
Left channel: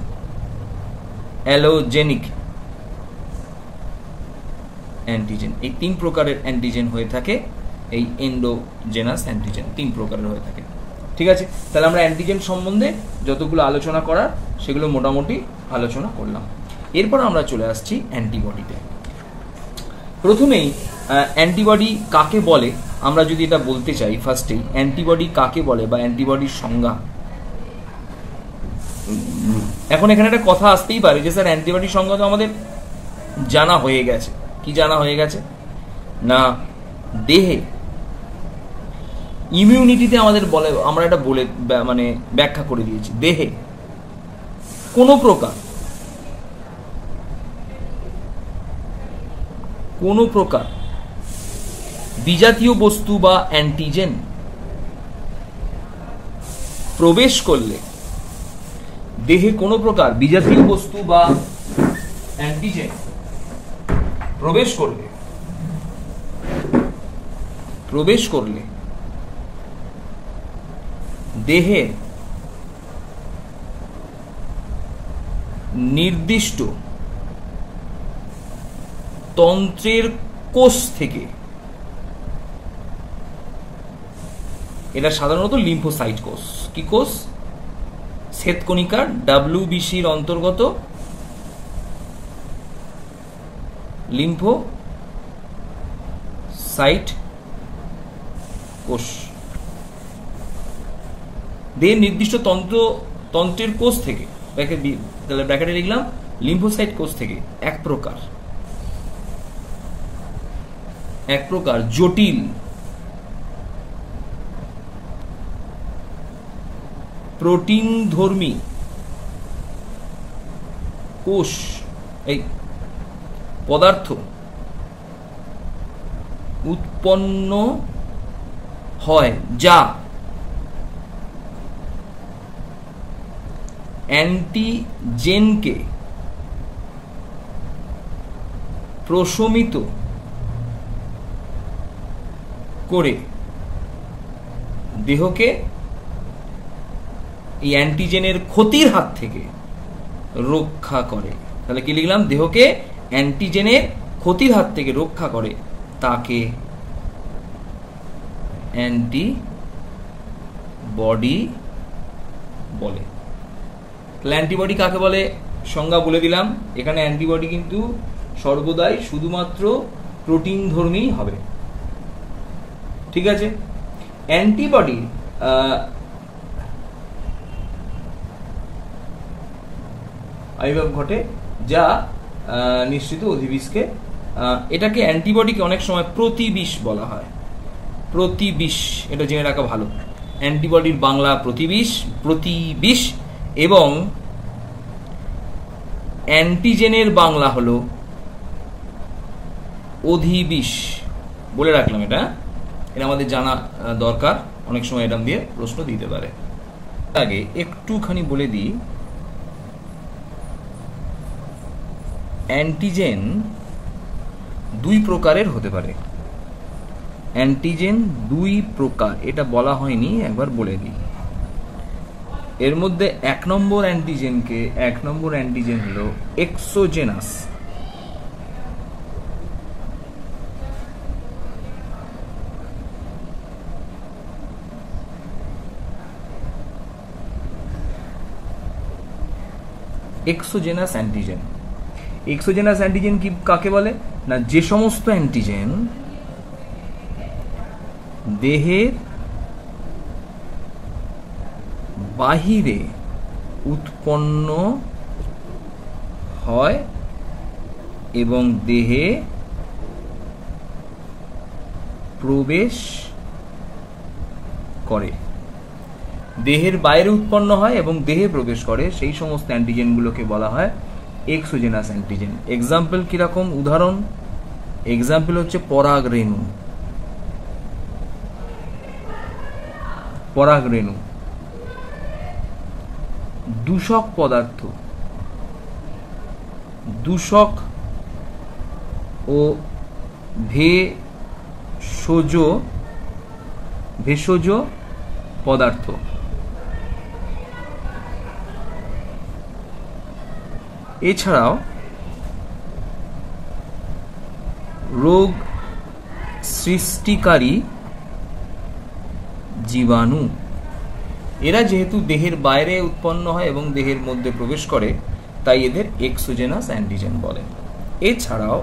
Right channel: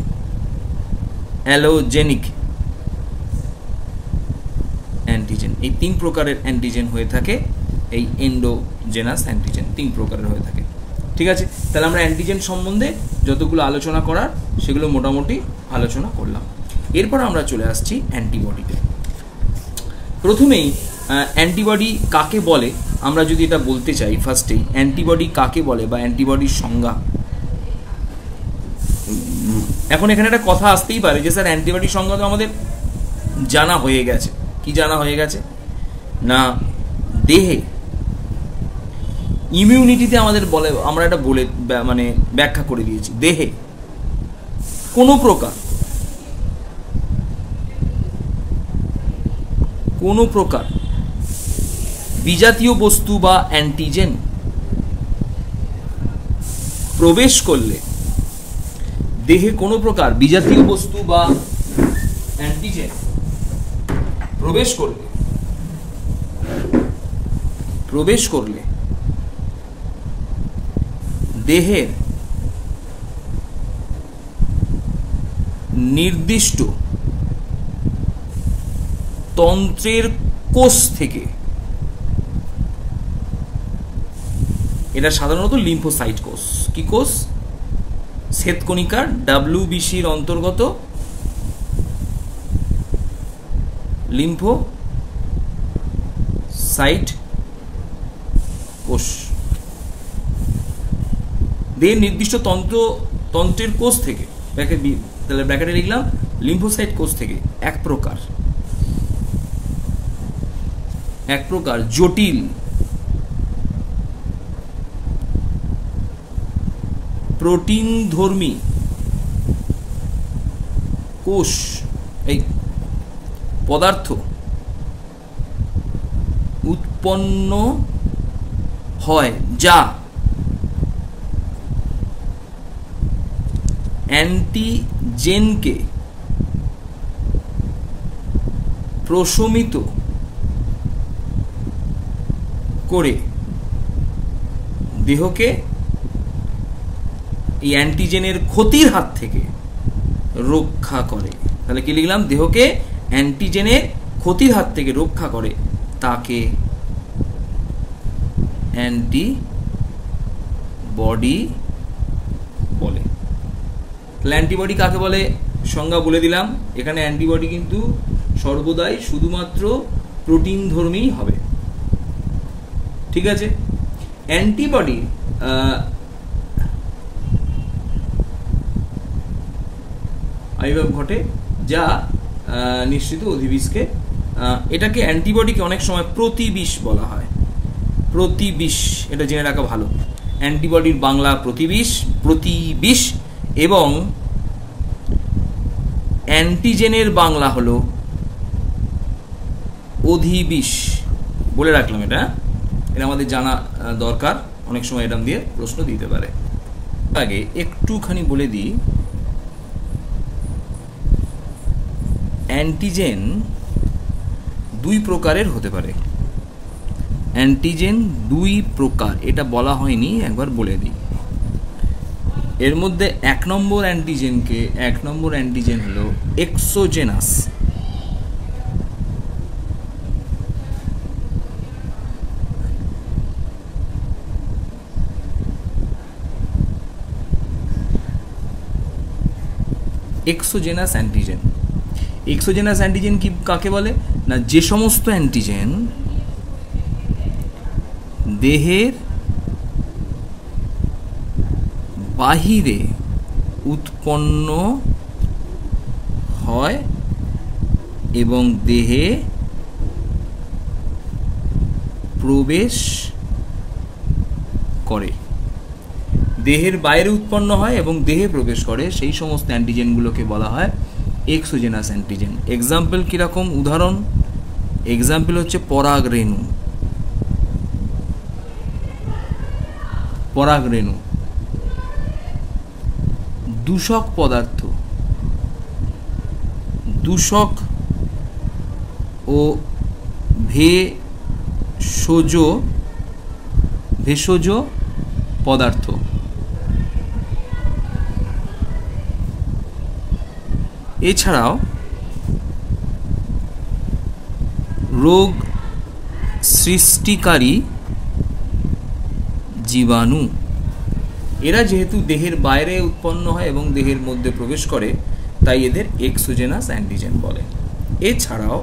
এই 3 প্রকারের অ্যান্টিজেন হয়ে থাকে। এই এন্ডোজেনাস অ্যান্টিজেন 3 প্রকারের হয়ে থাকে। ঠিক আছে, তাহলে আমরা অ্যান্টিজেন সম্বন্ধে যতগুলো আলোচনা করার সেগুলো মোটামুটি আলোচনা করলাম। এরপর আমরা চলে আসছি অ্যান্টিবডিতে। প্রথমেই অ্যান্টিবডি কাকে বলে আমরা যদি এটা বলতে চাই, ফার্স্টেই অ্যান্টিবডি কাকে বলে বা অ্যান্টিবডির সংজ্ঞা। এখন এখানে একটা কথা আসতেই পারে যে স্যার অ্যান্টিবডির সংজ্ঞা তো আমাদের জানা হয়ে গেছে। কি জানা হয়ে গেছে না, দেহে ইমিউনিটিতে আমাদের বলে, আমরা এটা বলে মানে ব্যাখ্যা করে দিয়েছি, দেহে কোনো প্রকার বিজাতীয় বস্তু বা অ্যান্টিজেন প্রবেশ করলে, দেহে কোনো প্রকার বিজাতীয় বস্তু বা অ্যান্টিজেন প্রবেশ করলে দেহের নির্দিষ্ট তন্ত্রের কোষ থেকে, এটা সাধারণত লিম্ফোসাইট কোষ, কি কোষ? শ্বেতকণিকার WBCর অন্তর্গত লিম্ফোসাইট কোষ। দেহের নির্দিষ্ট তন্ত্রের কোষ থেকে, তাহলে ব্র্যাকেটে লিখলাম লিম্ফোসাইট কোষ থেকে এক প্রকার জটিল প্রোটিনধর্মী কোষ এই পদার্থ উৎপন্ন হয় যা অ্যান্টিজেনকে প্রশমিত করে দেহকে এই অ্যান্টিজেনের ক্ষতির হাত থেকে রক্ষা করে। তাহলে কি লিখলাম? দেহকে অ্যান্টিজেনের ক্ষতির হাত থেকে রক্ষা করে তাকে অ্যান্টিবডি বলে। তাহলে অ্যান্টিবডি কাকে বলে সংজ্ঞা বলে দিলাম। এখানে অ্যান্টিবডি কিন্তু সর্বদাই শুধুমাত্র প্রোটিনধর্মী হবে, ঠিক আছে। অ্যান্টিবডি আবির্ভাব ঘটে যা নিশ্চিত অধিবিষকে, এটাকে অ্যান্টিবডিকে অনেক সময় প্রতিবিষ বলা হয়। প্রতিবিষ এটা জেনে রাখা ভালো। অ্যান্টিবডির বাংলা প্রতিবিষ এবং অ্যান্টিজেনের বাংলা হলো অধিবিষ। বলে রাখলাম, এটা আমাদের জানা দরকার, অনেক সময় এটা দিয়ে প্রশ্ন দিতে পারে। আগে একটুখানি বলে দিই, অ্যান্টিজেন দুই প্রকারের হতে পারে। অ্যান্টিজেন দুই প্রকার, এটা বলা হয়নি, একবার বলে দিই। এর মধ্যে এক নম্বর অ্যান্টিজেন হলো এক্সোজেনাস। এক্সোজেনাস অ্যান্টিজেন কি কাকে বলে না, যে সমস্ত অ্যান্টিজেন দেহের বাহিরে উৎপন্ন হয় এবং দেহে প্রবেশ করে। দেহের বাইরে উৎপন্ন হয় এবং দেহে প্রবেশ করে, সেই সমস্ত অ্যান্টিজেনগুলোকে বলা হয় এক্সোজেনাস অ্যান্টিজেন। এক্সাম্পল কিরকম? উদাহরণ, এক্সাম্পল হচ্ছে পরাগরেণু। দূষক পদার্থ, দূষক ও ভেষজ পদার্থ। এছাড়াও রোগ সৃষ্টিকারী জীবাণু। এরা যেহেতু দেহের বাইরে উৎপন্ন হয় এবং দেহের মধ্যে প্রবেশ করে, তাই এদের এক্সোজেনাস অ্যান্টিজেন বলে। এছাড়াও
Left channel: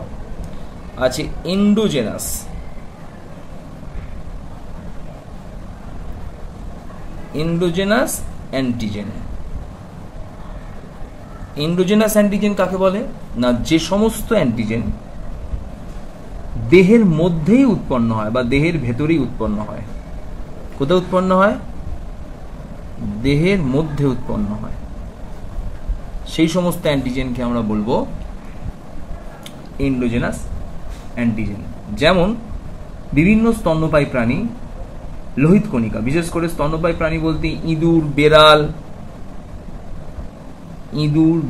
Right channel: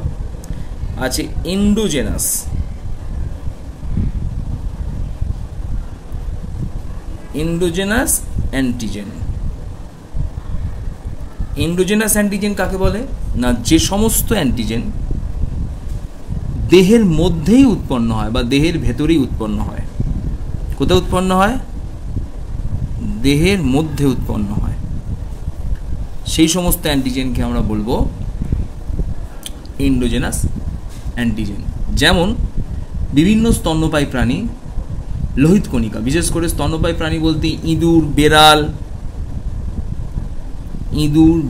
আছে এন্ডোজেনাস অ্যান্টিজেন। এন্ডোজেনাস অ্যান্টিজেন কাকে বলে না, যে সমস্ত অ্যান্টিজেন দেহের মধ্যেই উৎপন্ন হয় বা দেহের ভেতরেই উৎপন্ন হয়। কোথায় উৎপন্ন হয়? দেহের মধ্যে উৎপন্ন হয়। সেই সমস্ত অ্যান্টিজেনকে আমরা বলবো এন্ডোজেনাস অ্যান্টিজেন। যেমন বিভিন্ন স্তন্যপায়ী প্রাণী, লোহিত কণিকা, বিশেষ করে স্তন্যপায়ী প্রাণী বলতে ইঁদুর,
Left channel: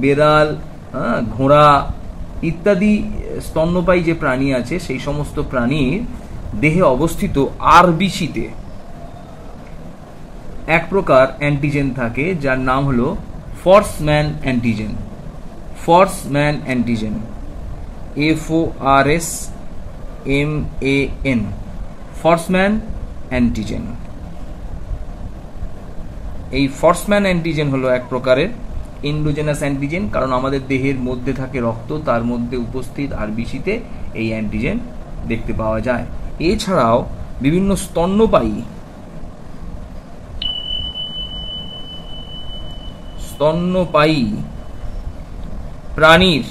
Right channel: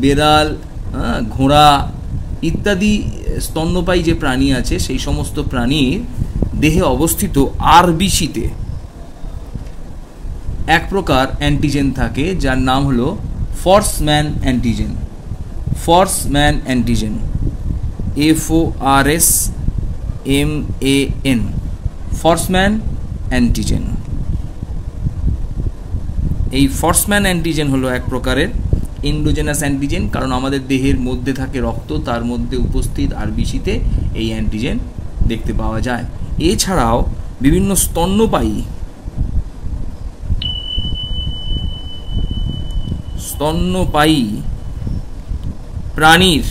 বেড়াল, ঘোড়া ইত্যাদি স্তন্যপায়ী যে প্রাণী আছে, সেই সমস্ত প্রাণীর দেহে অবস্থিত আরবিসিতে এক প্রকার অ্যান্টিজেন থাকে যার নাম হলো Forssman antigen. FORSMAN, Forssman antigen. এই ফর্সম্যান অ্যান্টিজেন হলো এক প্রকারের এন্ডোজেনাস অ্যান্টিজেন, কারণ আমাদের দেহের মধ্যে থাকে রক্ত, তার মধ্যে উপস্থিত আরবিসিতে এই অ্যান্টিজেন দেখতে পাওয়া যায়। এছাড়াও বিভিন্ন স্তন্যপায়ী স্তন্যপায়ী প্রাণীর,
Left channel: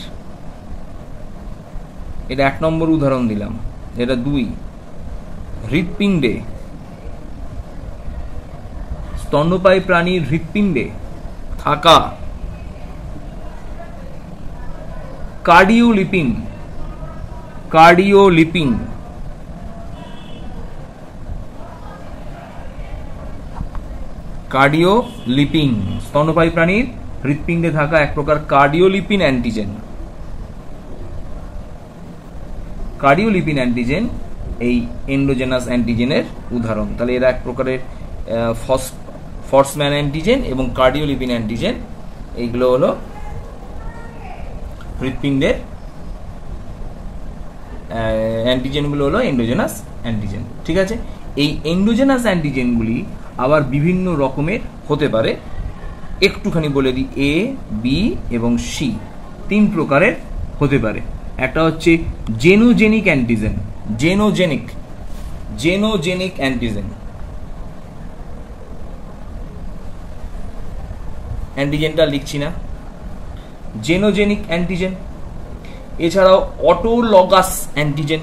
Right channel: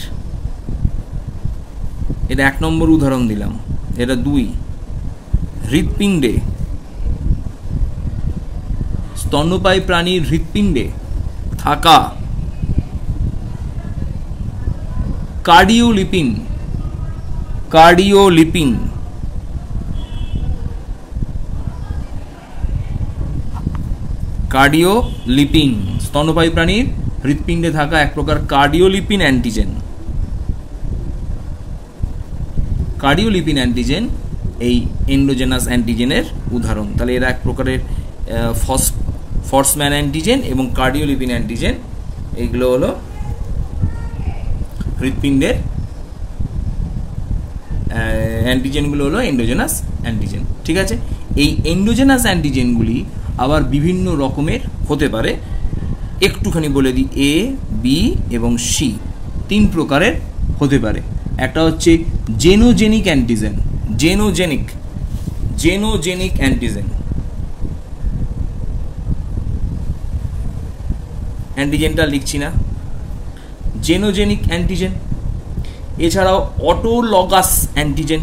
এটা 1 নম্বর উদাহরণ দিলাম, এটা 2, হৃৎপিণ্ডে, স্তন্যপায়ী প্রাণীর হৃৎপিণ্ডে থাকা কার্ডিওলিপিন, কার্ডিওলিপিন কার্ডিওলিপিন স্তন্যপায়ী প্রাণীর হৃৎপিণ্ডে থাকা এক প্রকার কার্ডিওলিপিন অ্যান্টিজেন। কার্ডিওলিপিন অ্যান্টিজেন এই এন্ডোজেনাস অ্যান্টিজেনের উদাহরণ। তাহলে এরা এক প্রকারের ফর্সম্যান অ্যান্টিজেন এবং কার্ডিওলিপিন অ্যান্টিজেন, এইগুলো হলো হৃৎপিণ্ডের অ্যান্টিজেনগুলো হলো এন্ডোজেনাস অ্যান্টিজেন। ঠিক আছে, এই এন্ডোজেনাস অ্যান্টিজেনগুলি আবার বিভিন্ন রকমের হতে পারে। একটুখানি বলে দিই, এ, বি এবং সি 3 প্রকারের হতে পারে। একটা হচ্ছে জেনোজেনিক অ্যান্টিজেন, জেনোজেনিক অ্যান্টিজেন, অ্যান্টিজেনটা লিখছি না, জেনোজেনিক অ্যান্টিজেন। এছাড়াও অটোলগাস অ্যান্টিজেন,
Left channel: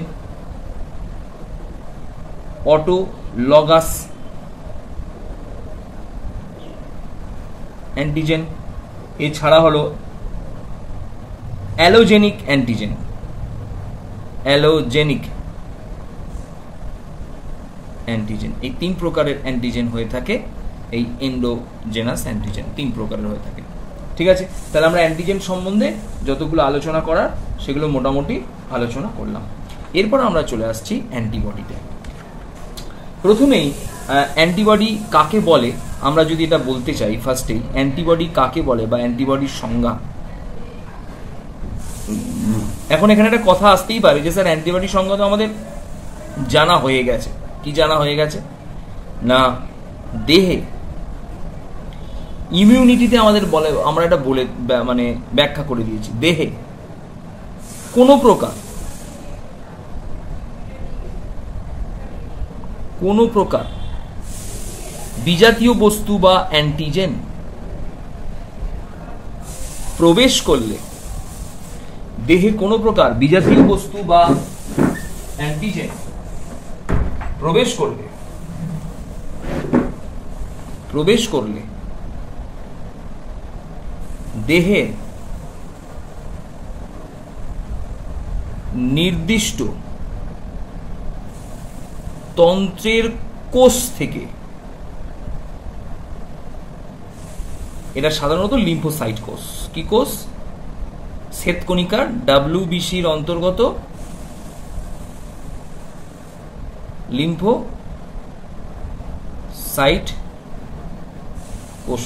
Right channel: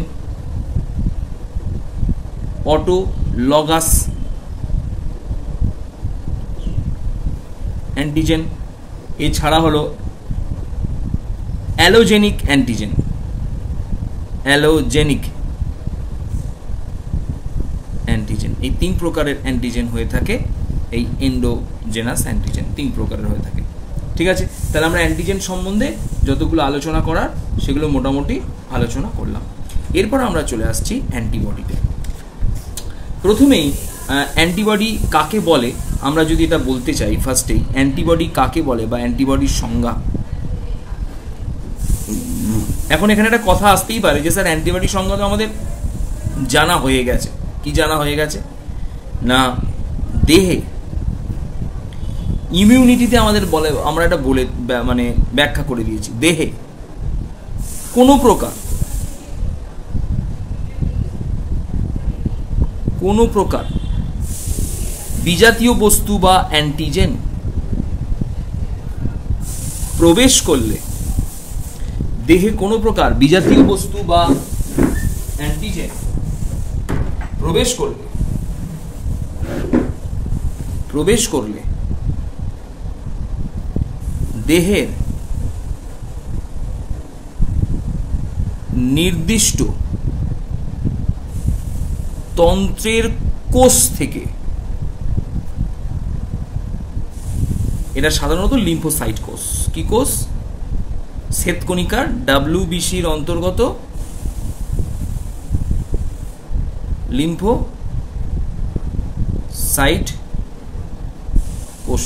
অটোলগাস অ্যান্টিজেন। এছাড়া হলো অ্যালোজেনিক অ্যান্টিজেন, অ্যালোজেনিক অ্যান্টিজেন। এই 3 প্রকারের অ্যান্টিজেন হয়ে থাকে, এই এন্ডোজেনাস অ্যান্টিজেন 3 প্রকারের হয়ে থাকে। ঠিক আছে, তাহলে আমরা অ্যান্টিজেন সম্বন্ধে যতগুলো আলোচনা করার সেগুলো মোটামুটি আলোচনা করলাম। এরপর আমরা চলে আসছি অ্যান্টিবডিতে। প্রথমেই অ্যান্টিবডি কাকে বলে আমরা যদি এটা বলতে চাই, ফার্স্টেই অ্যান্টিবডি কাকে বলে বা অ্যান্টিবডির সংজ্ঞা। এখন এখানে একটা কথা আসতেই পারে যে স্যার অ্যান্টিবডি সংজ্ঞা তো আমাদের জানা হয়ে গেছে। কি জানা হয়ে গেছে না, দেহে ইমিউনিটিতে আমাদের বলে, আমরা এটা বলে মানে ব্যাখ্যা করে দিয়েছি, দেহে কোনো প্রকার বিজাতীয় বস্তু বা অ্যান্টিজেন প্রবেশ করলে, দেহে কোনো প্রকার বিজাতীয় বস্তু বা অ্যান্টিজেন প্রবেশ করলে দেহের নির্দিষ্ট তন্ত্রের কোষ থেকে, এটা সাধারণত লিম্ফোসাইট কোষ, কি কোষ, শ্বেতকণিকার WBCর অন্তর্গত লিম্ফোসাইট কোষ,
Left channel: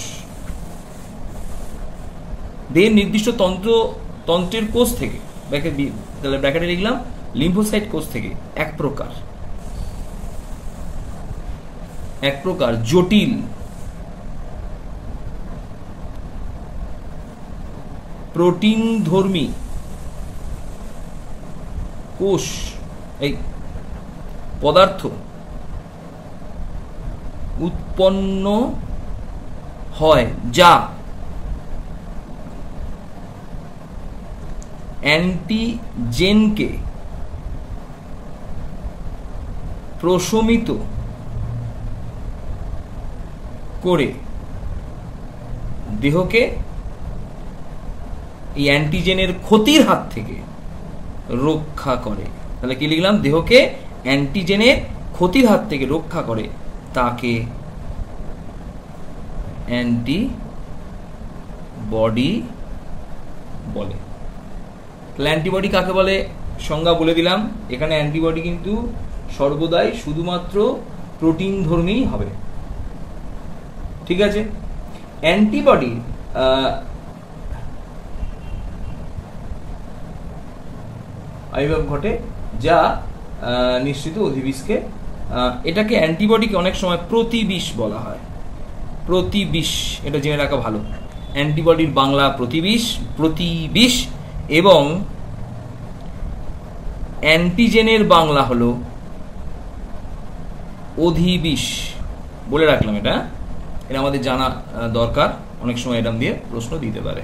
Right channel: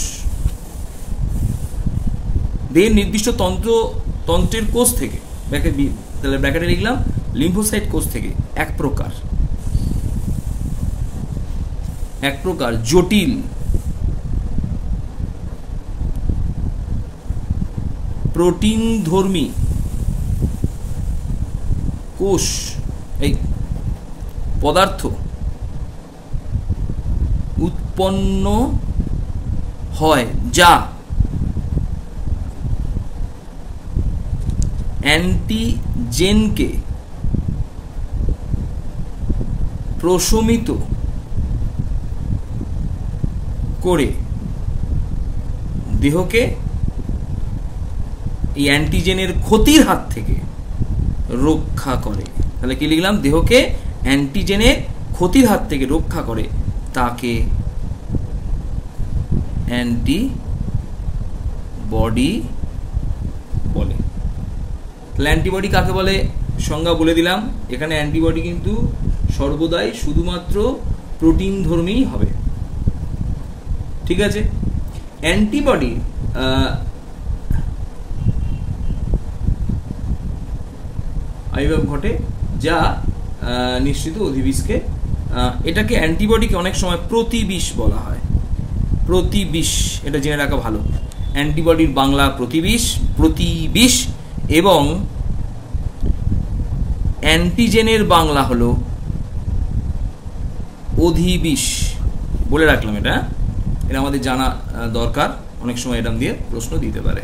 দেহের নির্দিষ্ট তন্ত্রের কোষ থেকে, তাহলে ব্র্যাকেটে লিখলাম লিম্ফোসাইট কোষ থেকে এক প্রকার জটিল প্রোটিনধর্মী কোষ, এই পদার্থ উৎপন্ন হয় যা অ্যান্টিজেনকে প্রশমিত করে দেহকে এই অ্যান্টিজেনের ক্ষতির হাত থেকে রক্ষা করে। তাহলে কি লিখলাম, দেহকে অ্যান্টিজেনের ক্ষতির হাত থেকে রক্ষা করে, তাকে অ্যান্টিবডি বলে। তাহলে অ্যান্টিবডি কাকে বলে সংজ্ঞা বলে দিলাম। এখানে অ্যান্টিবডি কিন্তু সর্বদাই শুধুমাত্র প্রোটিন ধর্মী হবে। ঠিক আছে, অ্যান্টিবডি আবির্ভাব ঘটে যা নিশ্চিত অধিবিষকে, এটাকে অ্যান্টিবডিকে অনেক সময় প্রতিবিষ বলা হয়। প্রতিবিষ, এটা জেনে রাখা ভালো। অ্যান্টিবডির বাংলা প্রতিবিষ এবং অ্যান্টিজেনের বাংলা হলো অধিবিষ। বলে রাখলাম, এটা আমাদের জানা দরকার। অনেক সময় এরম দিয়ে প্রশ্ন দিতে পারে।